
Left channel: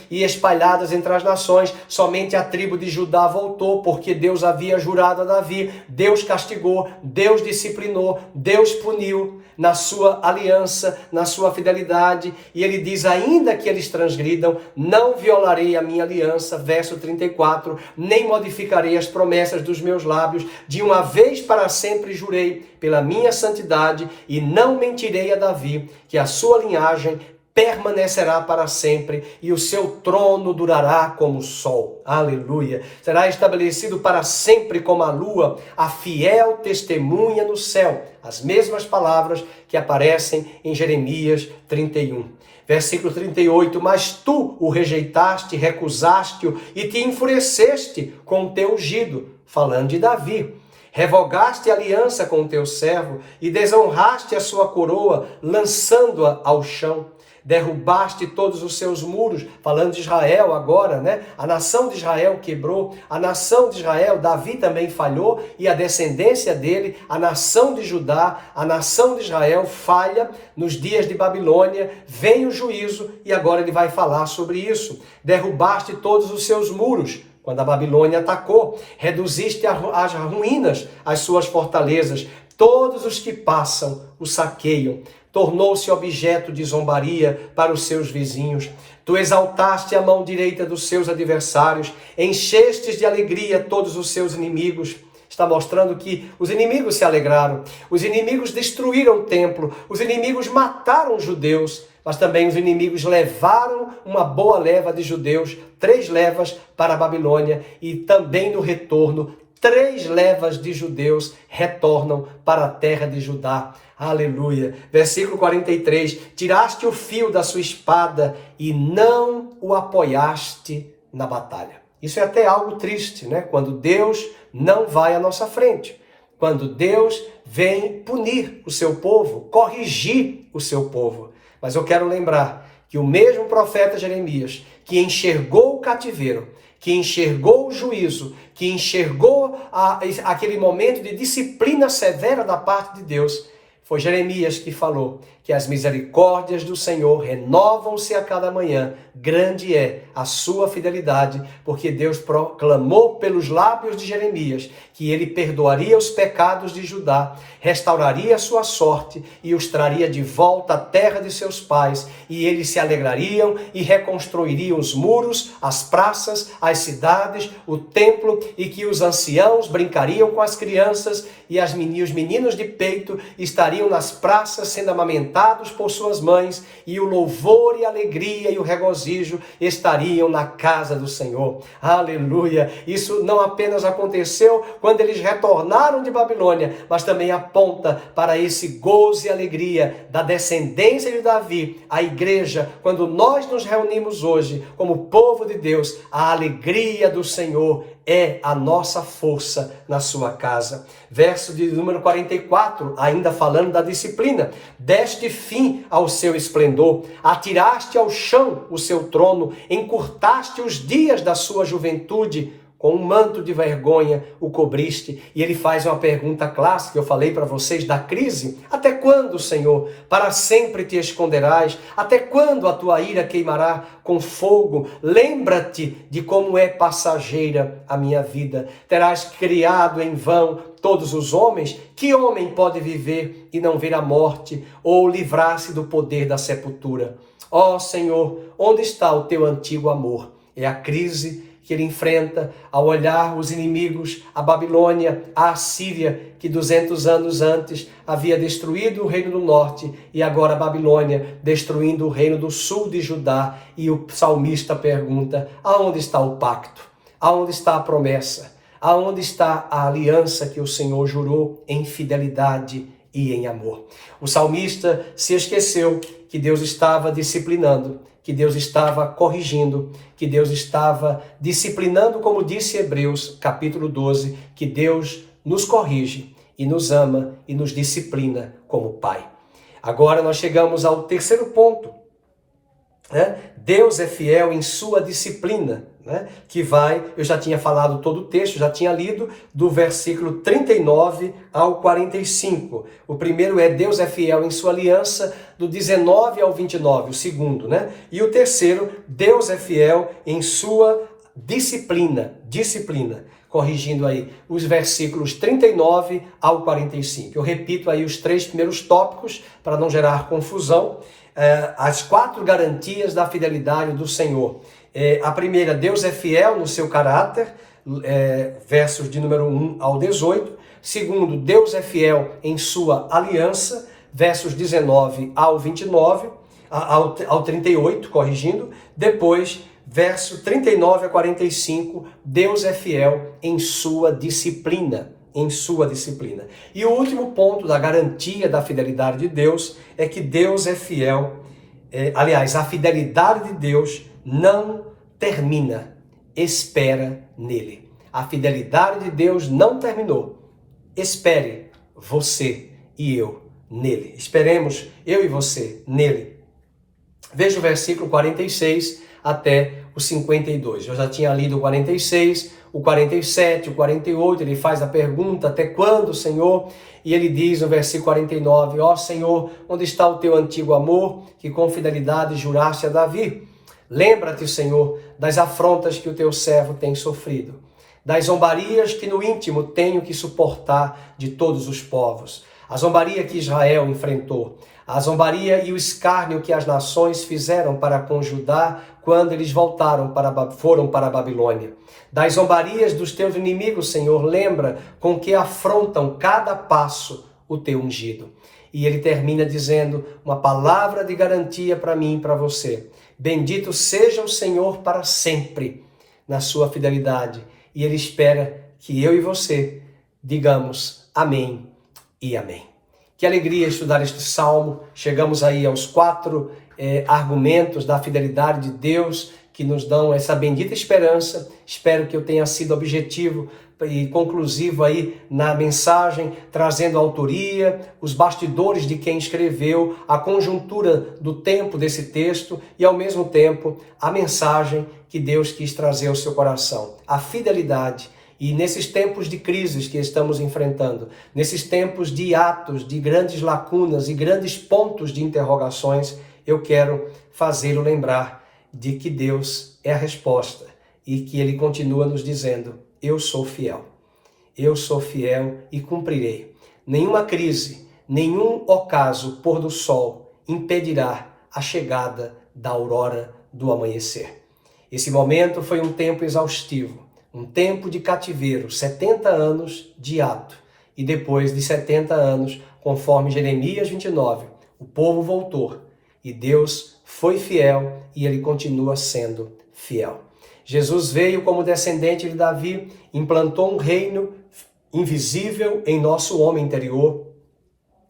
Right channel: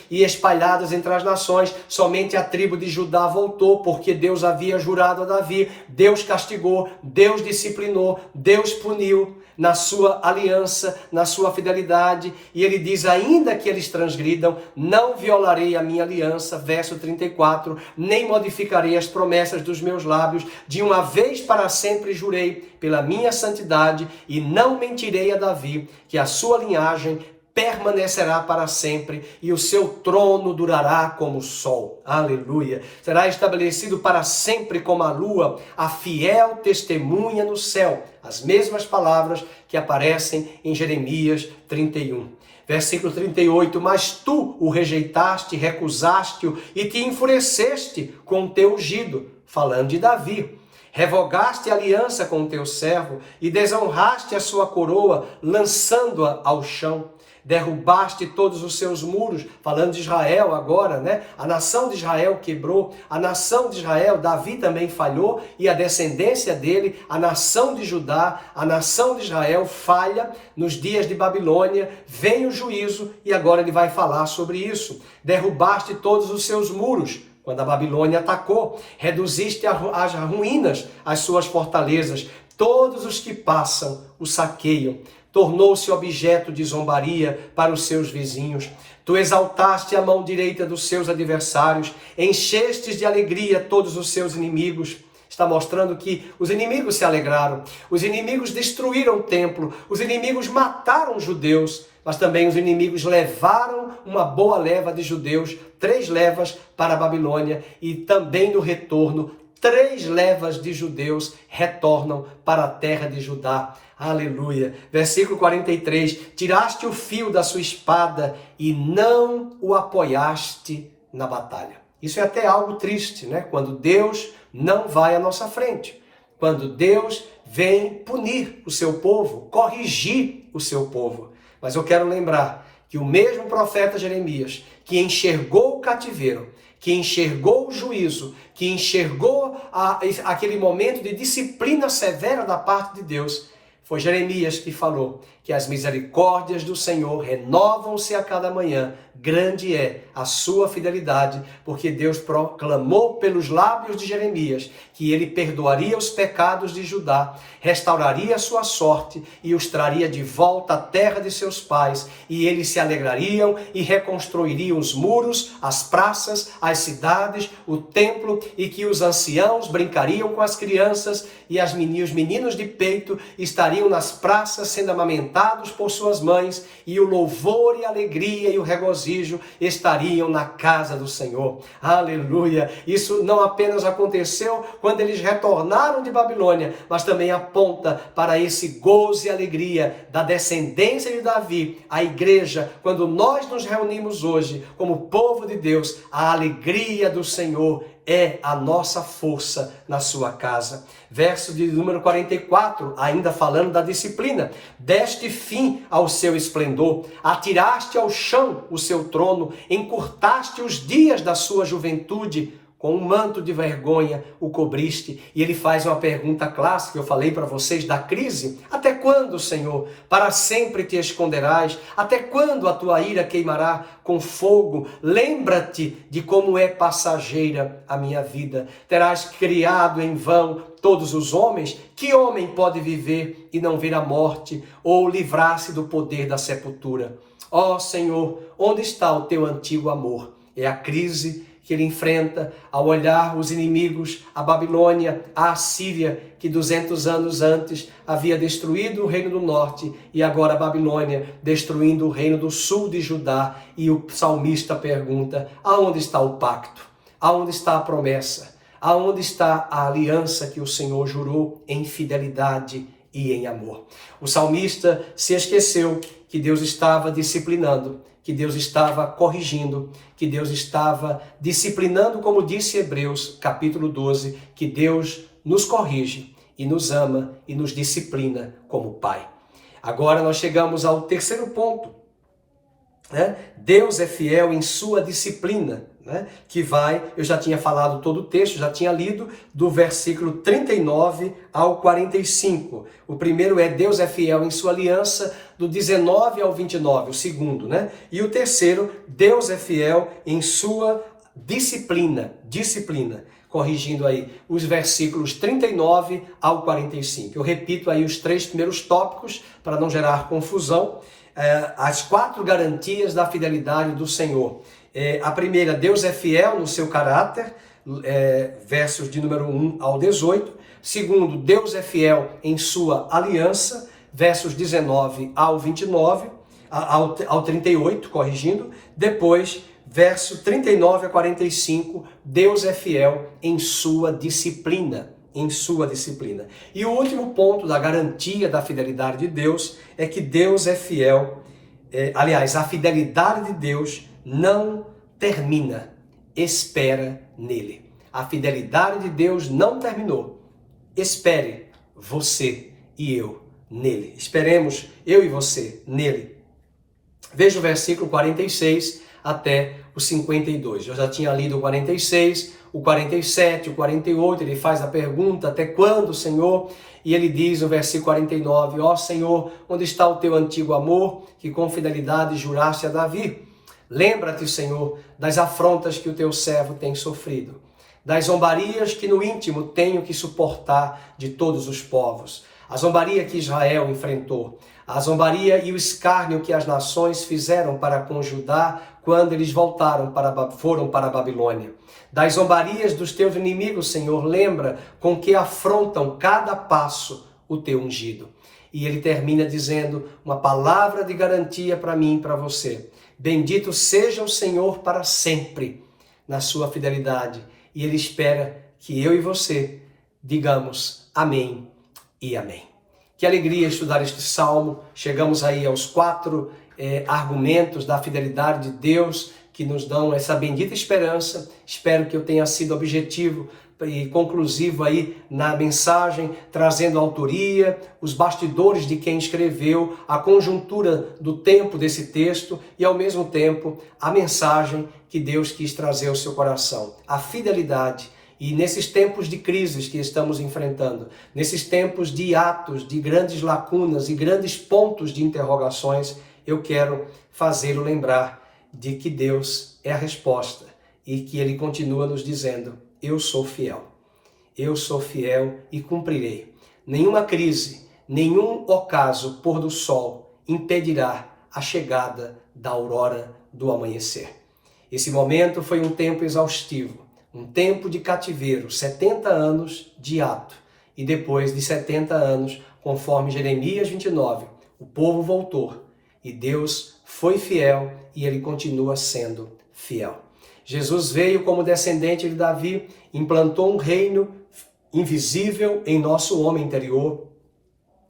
e espalhadas entre as nações. Somente a tribo de Judá voltou, porque Deus havia jurado a Davi. Deus castigou, Deus disciplinou, Deus puniu na sua aliança, na sua fidelidade, e ele diz, ainda que eles transgridam, não violarei a minha aliança, verso 34, nem modificarei as promessas dos meus lábios, de uma vez para sempre jurei pela minha santidade, e não mentirei a Davi, que a sua linhagem permanecerá para sempre e o seu trono durará como o sol. Aleluia! Será estabelecido para sempre como a lua, a fiel testemunha no céu. As mesmas palavras que aparecem em Jeremias 31. Versículo 38, mas tu o rejeitaste, recusaste-o e te enfureceste com o teu ungido, falando de Davi. Revogaste a aliança com o teu servo e desonraste a sua coroa, lançando-a ao chão. Derrubaste todos os seus muros, falando de Israel agora, né? A nação de Israel quebrou, a nação de Israel, Davi também falhou, e a descendência dele, a nação de Judá, a nação de Israel falha nos dias de Babilônia, vem o juízo, e agora ele vai falar sobre isso. Derrubaste todos os seus muros, quando a Babilônia atacou, reduziste às ruínas as suas fortalezas, todos os que passam o saqueiam. Tornou-se objeto de zombaria para os seus vizinhos. Tu exaltaste a mão direita dos seus adversários, enchestes de alegria todos os seus inimigos. Está mostrando que os inimigos se alegraram, os inimigos destruíram o templo, os inimigos mataram os judeus, mas também os inimigos levaram uma boa leva de judeus, 3 levas para a Babilônia, e também no retorno, 3 levas de judeus retornam para a terra de Judá. Aleluia. Versículo 43. Tiraste o fio da sua espada e não o apoiaste na batalha. Isso é até algo triste, né? Quando Deus não vai à nossa frente. Quando Deus vem punir o seu povo, corrigir o seu povo. Mas eu quero lembrar que o mesmo profeta Jeremias, que enxergou o cativeiro, que enxergou o juízo, que enxergou aquele momento de disciplina severa da parte de Deus, foi Jeremias que falou que as misericórdias do Senhor renovam-se a cada manhã. Grande é a sua fidelidade, porque Deus proclamou pelos lábios de Jeremias que ele perdoaria os pecados de Judá, restauraria a sua sorte e os traria de volta à terra de seus pais, e eles se alegrariam e reconstruiriam os muros, as praças, as cidades, o templo, e que os anciãos brincariam com as crianças e os meninos de peito estariam nas praças sendo amamentados por suas mães, e o louvor e a alegria e o regozijo estariam na casa do Senhor. Aleluia! Isso não apenas aconteceu quando eles retornaram de Babilônia, mas também aponta para esse gozo e alegria da descendência de Davi, a igreja. Quando nós nos reunimos hoje como povo de Deus, a alegria do Senhor é a nossa força na sua casa. Verso de número 44, ainda falando da disciplina. Deste fim ao seu esplendor, atiraste ao chão o seu trono, encurtaste os dias da sua juventude, com um manto de vergonha o cobriste. E ele faz uma pergunta clássica, eu falei para vocês da crise. Até quando, Senhor? Para sempre te esconderás? Até quando a tua ira queimará com fogo? Lembra-te de como é passageira a minha vida. Terás criado em vão todos os homens? Que homem pode viver e não ver a morte, ou livrar-se do poder da sepultura? Ó Senhor, onde está o teu antigo amor? É a crise que ele enfrenta ao olhar os inimigos, a Babilônia, a Assíria, que 200 anos antes havia destruído o reino do norte, e agora a Babilônia destruindo o reino do sul de Judá. E o salmista pergunta: aonde está o pacto? Aonde está a promessa? Aonde está a aliança que o Senhor jurou em fidelidade e em amor? O salmista se esqueceu que Deus estava disciplinando, que Deus estava corrigindo, que Deus estava disciplinando, como disse Hebreus, capítulo 12, que Deus nos corrige e nos ama e nos disciplina como Pai. Agora nós chegamos ao terceiro ponto. Deus é fiel em sua disciplina, que vai, eu já tinha falado todo o texto, já tinha lido do versículo 39 ao 45. O primeiro é Deus é fiel em sua aliança, do 19 ao 29, o segundo, E o terceiro, Deus é fiel em sua disciplina, corrigindo aí os versículos 39 ao 45. Eu repito aí os 3 primeiros tópicos para não gerar confusão. As 4 garantias da fidelidade do Senhor. A primeira, Deus é fiel no seu caráter, versos de número 1 ao 18. Segundo, Deus é fiel em sua aliança, versos 19 ao 29, ao 38, corrigindo. Depois, verso 39 a 45, Deus é fiel em sua disciplina. E o último ponto da garantia da fidelidade de Deus é que Deus é fiel. Aliás, a fidelidade de Deus não termina, espera nele. A fidelidade de Deus não terminou. Espere você e eu nele. Esperemos eu e você nele. Veja o versículo 46 até o 52. Eu já tinha lido o 46, o 47, o 48, ele faz a pergunta: até quando, Senhor? E ele diz no versículo 49, ó Senhor, onde está o teu antigo amor, que com fidelidade juraste a Davi? Lembra-te, Senhor, das afrontas que o teu servo tem sofrido, das zombarias que no íntimo tenho que suportar de todos os povos, a zombaria que Israel enfrentou, a zombaria e o escárnio que as nações fizeram para com Judá quando eles foram para a Babilônia. Das zombarias dos teus inimigos, Senhor, lembra com que afrontam cada passo o teu ungido. E ele termina dizendo uma palavra de garantia para mim e para você. Bendito seja o Senhor para sempre na sua fidelidade. E ele espera que eu e você digamos amém e amém. Que alegria estudar este salmo. Chegamos aí aos 4 argumentos da fidelidade de Deus que nos dão essa bendita esperança. Espero que eu tenha sido objetivo e conclusivo aí na mensagem, trazendo a autoria, os bastidores de quem escreveu, a conjuntura do tempo desse texto e, ao mesmo tempo, a mensagem que Deus quis trazer ao seu coração. A fidelidade. E nesses tempos de crises que estamos enfrentando, nesses tempos de atos, de grandes lacunas e grandes pontos de interrogações, eu quero fazê-lo lembrar de que Deus é a resposta e que Ele continua nos dizendo: eu sou fiel e cumprirei. Nenhuma crise, nenhum ocaso pôr do sol impedirá a chegada da aurora do amanhecer. Esse momento foi um tempo exaustivo, um tempo de cativeiro, 70 anos de ato. E depois de 70 anos, conforme Jeremias 29, o povo voltou e Deus foi fiel e Ele continua sendo fiel. Jesus veio como descendente de Davi, implantou um reino invisível em nosso homem interior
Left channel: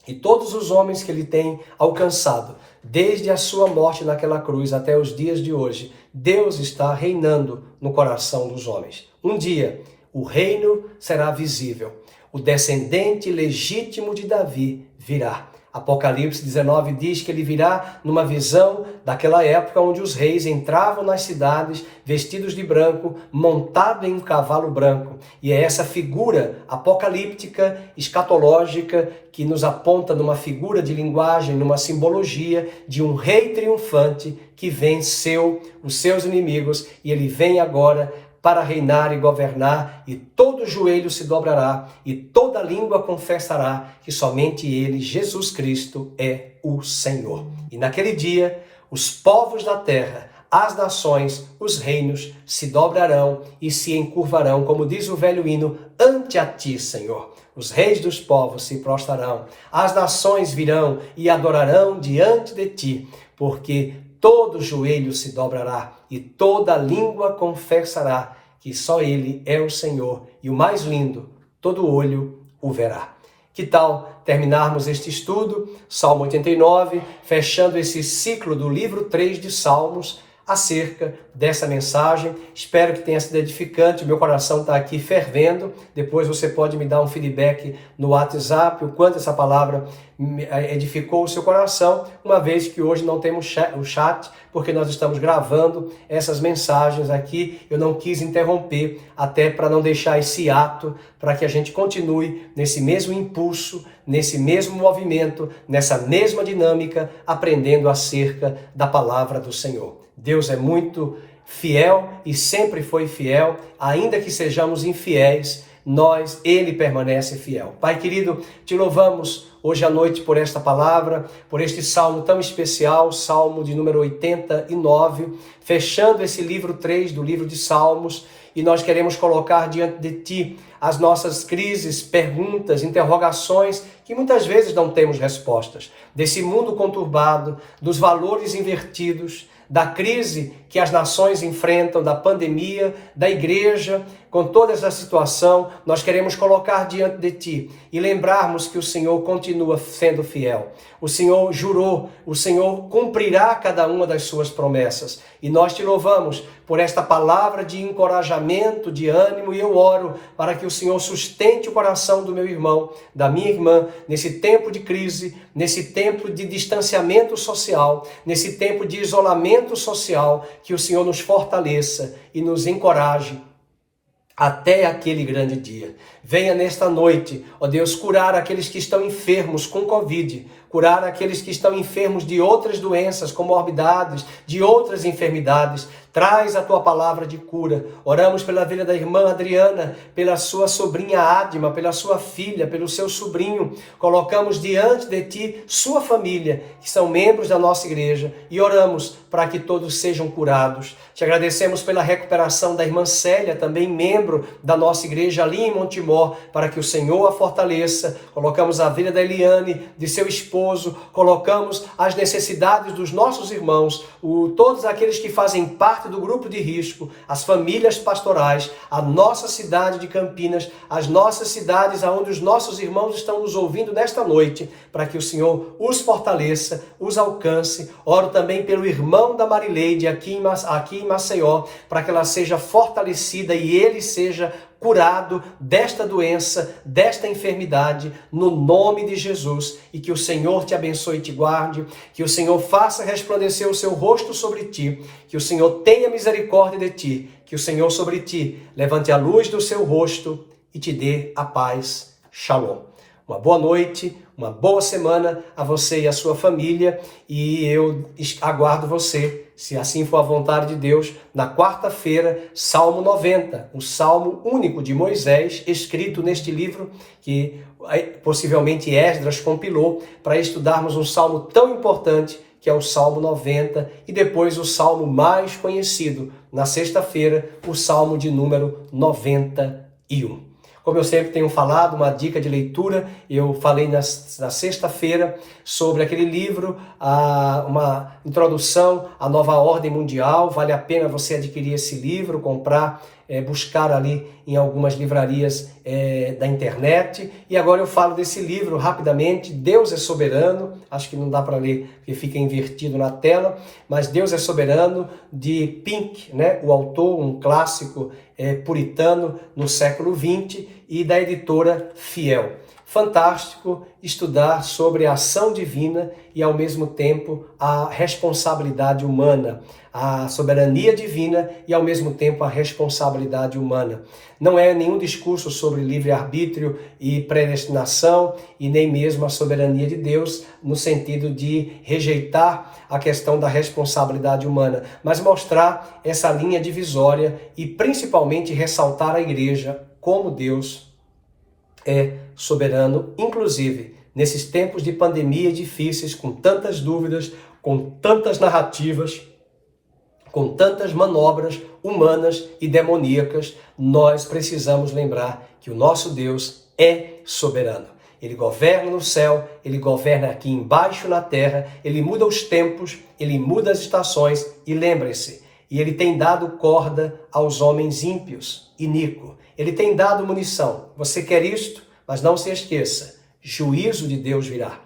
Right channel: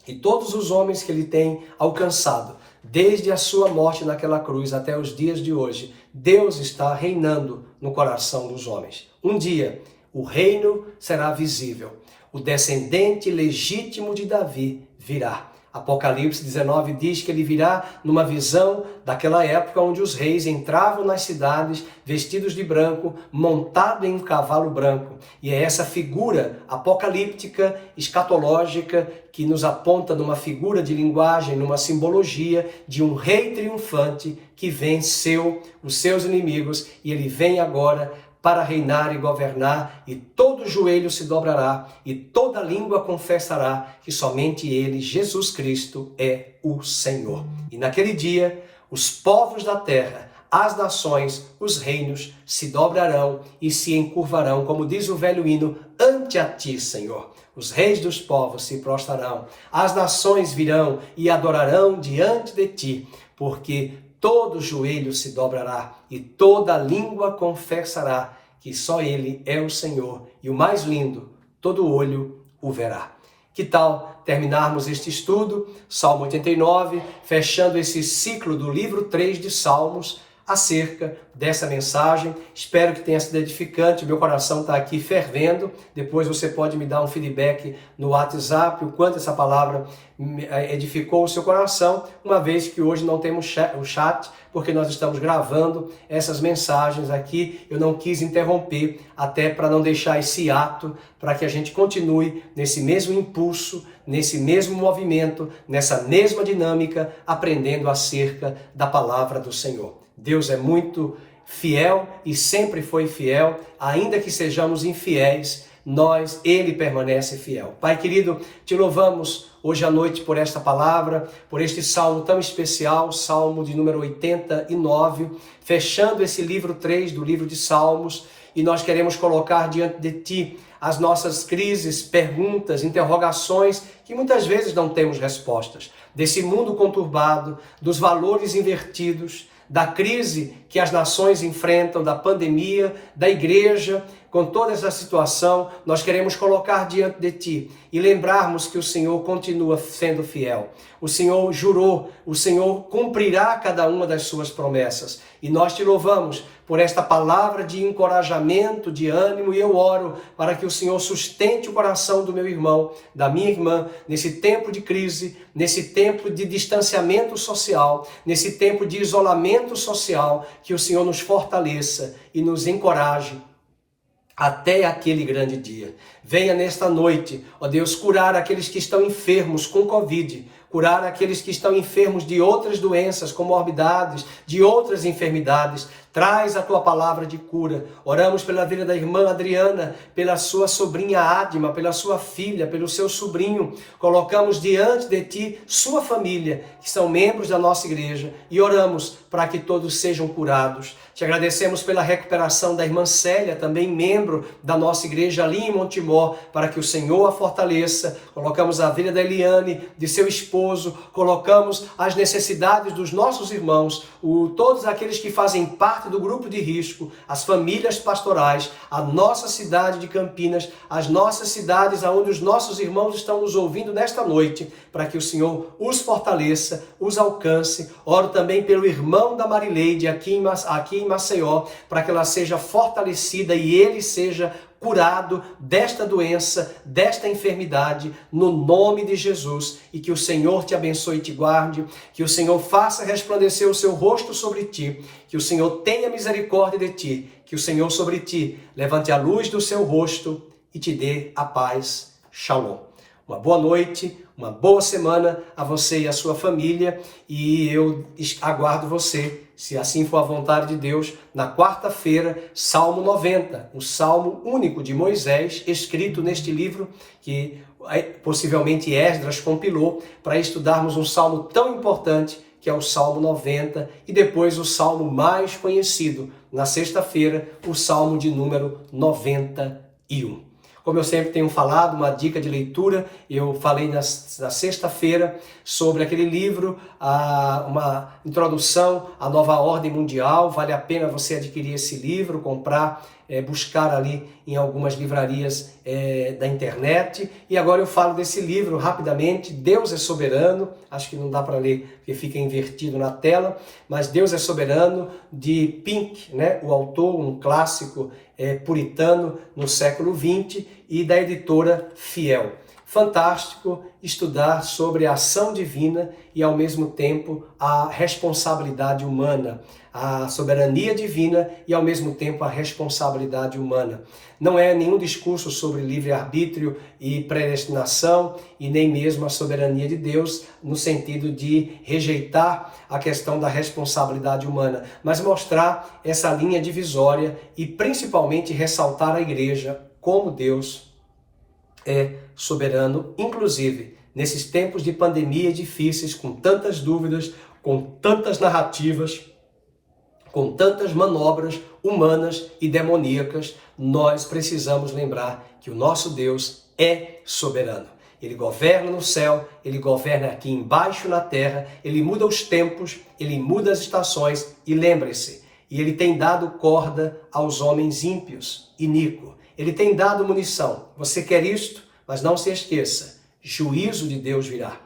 e todos os homens que Ele tem alcançado, desde a sua morte naquela cruz até os dias de hoje, Deus está reinando no coração dos homens. Um dia, o reino será visível. O descendente legítimo de Davi virá. Apocalipse 19 diz que ele virá numa visão daquela época onde os reis entravam nas cidades vestidos de branco, montado em um cavalo branco. E é essa figura apocalíptica, escatológica, que nos aponta numa figura de linguagem, numa simbologia de um rei triunfante que venceu os seus inimigos e ele vem agora para reinar e governar, e todo joelho se dobrará, e toda língua confessará que somente Ele, Jesus Cristo, é o Senhor. E naquele dia, os povos da terra as nações, os reinos se dobrarão e se encurvarão, como diz o velho hino, ante a ti, Senhor. Os reis dos povos se prostrarão, as nações virão e adorarão diante de ti, porque todo joelho se dobrará e toda língua confessará que só Ele é o Senhor e o mais lindo, todo olho o verá. Que tal terminarmos este estudo, Salmo 89, fechando esse ciclo do livro 3 de Salmos, acerca dessa mensagem. Espero que tenha sido edificante. Meu coração está aqui fervendo. Depois você pode me dar um feedback no WhatsApp, o quanto essa palavra edificou o seu coração, uma vez que hoje não temos o chat, porque nós estamos gravando essas mensagens aqui. Eu não quis interromper, até para não deixar esse ato, para que a gente continue nesse mesmo impulso, nesse mesmo movimento, nessa mesma dinâmica, aprendendo acerca da palavra do Senhor. Deus é muito fiel e sempre foi fiel, ainda que sejamos infiéis, Ele permanece fiel. Pai querido, te louvamos hoje à noite por esta palavra, por este salmo tão especial, salmo de número 89, fechando esse livro 3 do livro de Salmos, e nós queremos colocar diante de ti as nossas crises, perguntas, interrogações, que muitas vezes não temos respostas, desse mundo conturbado, dos valores invertidos, da crise que as nações enfrentam, da pandemia, da igreja, com toda essa situação, nós queremos colocar diante de ti e lembrarmos que o Senhor continua sendo fiel. O Senhor jurou, o Senhor cumprirá cada uma das suas promessas. E nós te louvamos por esta palavra de encorajamento, de ânimo, e eu oro para que o Senhor sustente o coração do meu irmão, da minha irmã, nesse tempo de crise, nesse tempo de distanciamento social, nesse tempo de isolamento social, que o Senhor nos fortaleça e nos encoraje até aquele grande dia. Venha nesta noite, ó Deus, curar aqueles que estão enfermos com Covid, curar aqueles que estão enfermos de outras doenças, comorbidades, de outras enfermidades. Traz a tua palavra de cura. Oramos pela vida da irmã Adriana, pela sua sobrinha Adma, pela sua filha, pelo seu sobrinho. Colocamos diante de ti sua família, que são membros da nossa igreja, e oramos para que todos sejam curados. Te agradecemos pela recuperação da irmã Célia, também membro da nossa igreja ali em Montemor, para que o Senhor a fortaleça. Colocamos a vida da Eliane, de seu esposo, colocamos as necessidades dos nossos irmãos, todos aqueles que fazem parte do grupo de risco, as famílias pastorais, a nossa cidade de Campinas, as nossas cidades onde os nossos irmãos estão nos ouvindo nesta noite, para que o Senhor os fortaleça, os alcance. Oro também pelo irmão da Marileide aqui em Maceió, para que ela seja fortalecida e ele seja curado desta doença, desta enfermidade, no nome de Jesus, e que o Senhor te abençoe e te guarde, que o Senhor faça resplandecer o seu rosto sobre ti, que o Senhor tenha misericórdia de ti, que o Senhor sobre ti levante a luz do seu rosto e te dê a paz. Shalom. Uma boa noite, uma boa semana a você e a sua família, e eu aguardo você, se assim for a vontade de Deus, na quarta-feira, Salmo 90, o Salmo único de Moisés, escrito neste livro que possivelmente Esdras compilou, para estudarmos um salmo tão importante, que é o Salmo 90, e depois o salmo mais conhecido, na sexta-feira, o Salmo de número 91. Como eu sempre tenho falado, uma dica de leitura, eu falei na sexta-feira sobre aquele livro, uma introdução à nova ordem mundial. Vale a pena você adquirir esse livro, comprar, buscar ali em algumas livrarias da internet. E agora eu falo desse livro rapidamente, Deus é Soberano. Acho que não dá para ler porque fica invertido na tela, mas Deus é Soberano, de Pink, né? O autor, um clássico puritano no século XX, e da editora Fiel. Fantástico estudar sobre a ação divina e, ao mesmo tempo, a responsabilidade humana, a soberania divina e, ao mesmo tempo, a responsabilidade humana. Não é nenhum discurso sobre livre-arbítrio e predestinação, e nem mesmo a soberania de Deus, no sentido de rejeitar a questão da responsabilidade humana, mas mostrar essa linha divisória e, principalmente, ressaltar a igreja como Deus é soberano, inclusive nesses tempos de pandemia difíceis, com tantas dúvidas, com tantas narrativas, com tantas manobras humanas e demoníacas, nós precisamos lembrar que o nosso Deus é soberano. Ele governa no céu, ele governa aqui embaixo na terra, ele muda os tempos, ele muda as estações e lembre-se, e ele tem dado corda aos homens ímpios, iníquos. Ele tem dado munição. Você quer isto? Mas não se esqueça, juízo de Deus virá.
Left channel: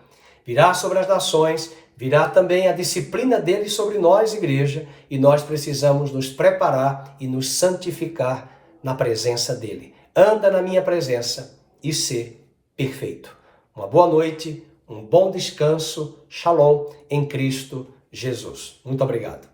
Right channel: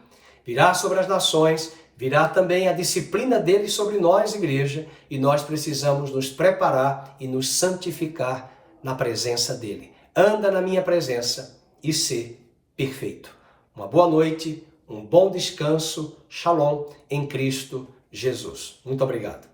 Virá sobre as nações, virá também a disciplina dele sobre nós, igreja, e nós precisamos nos preparar e nos santificar na presença dele. Anda na minha presença e ser perfeito. Uma boa noite, um bom descanso, shalom em Cristo Jesus. Muito obrigado.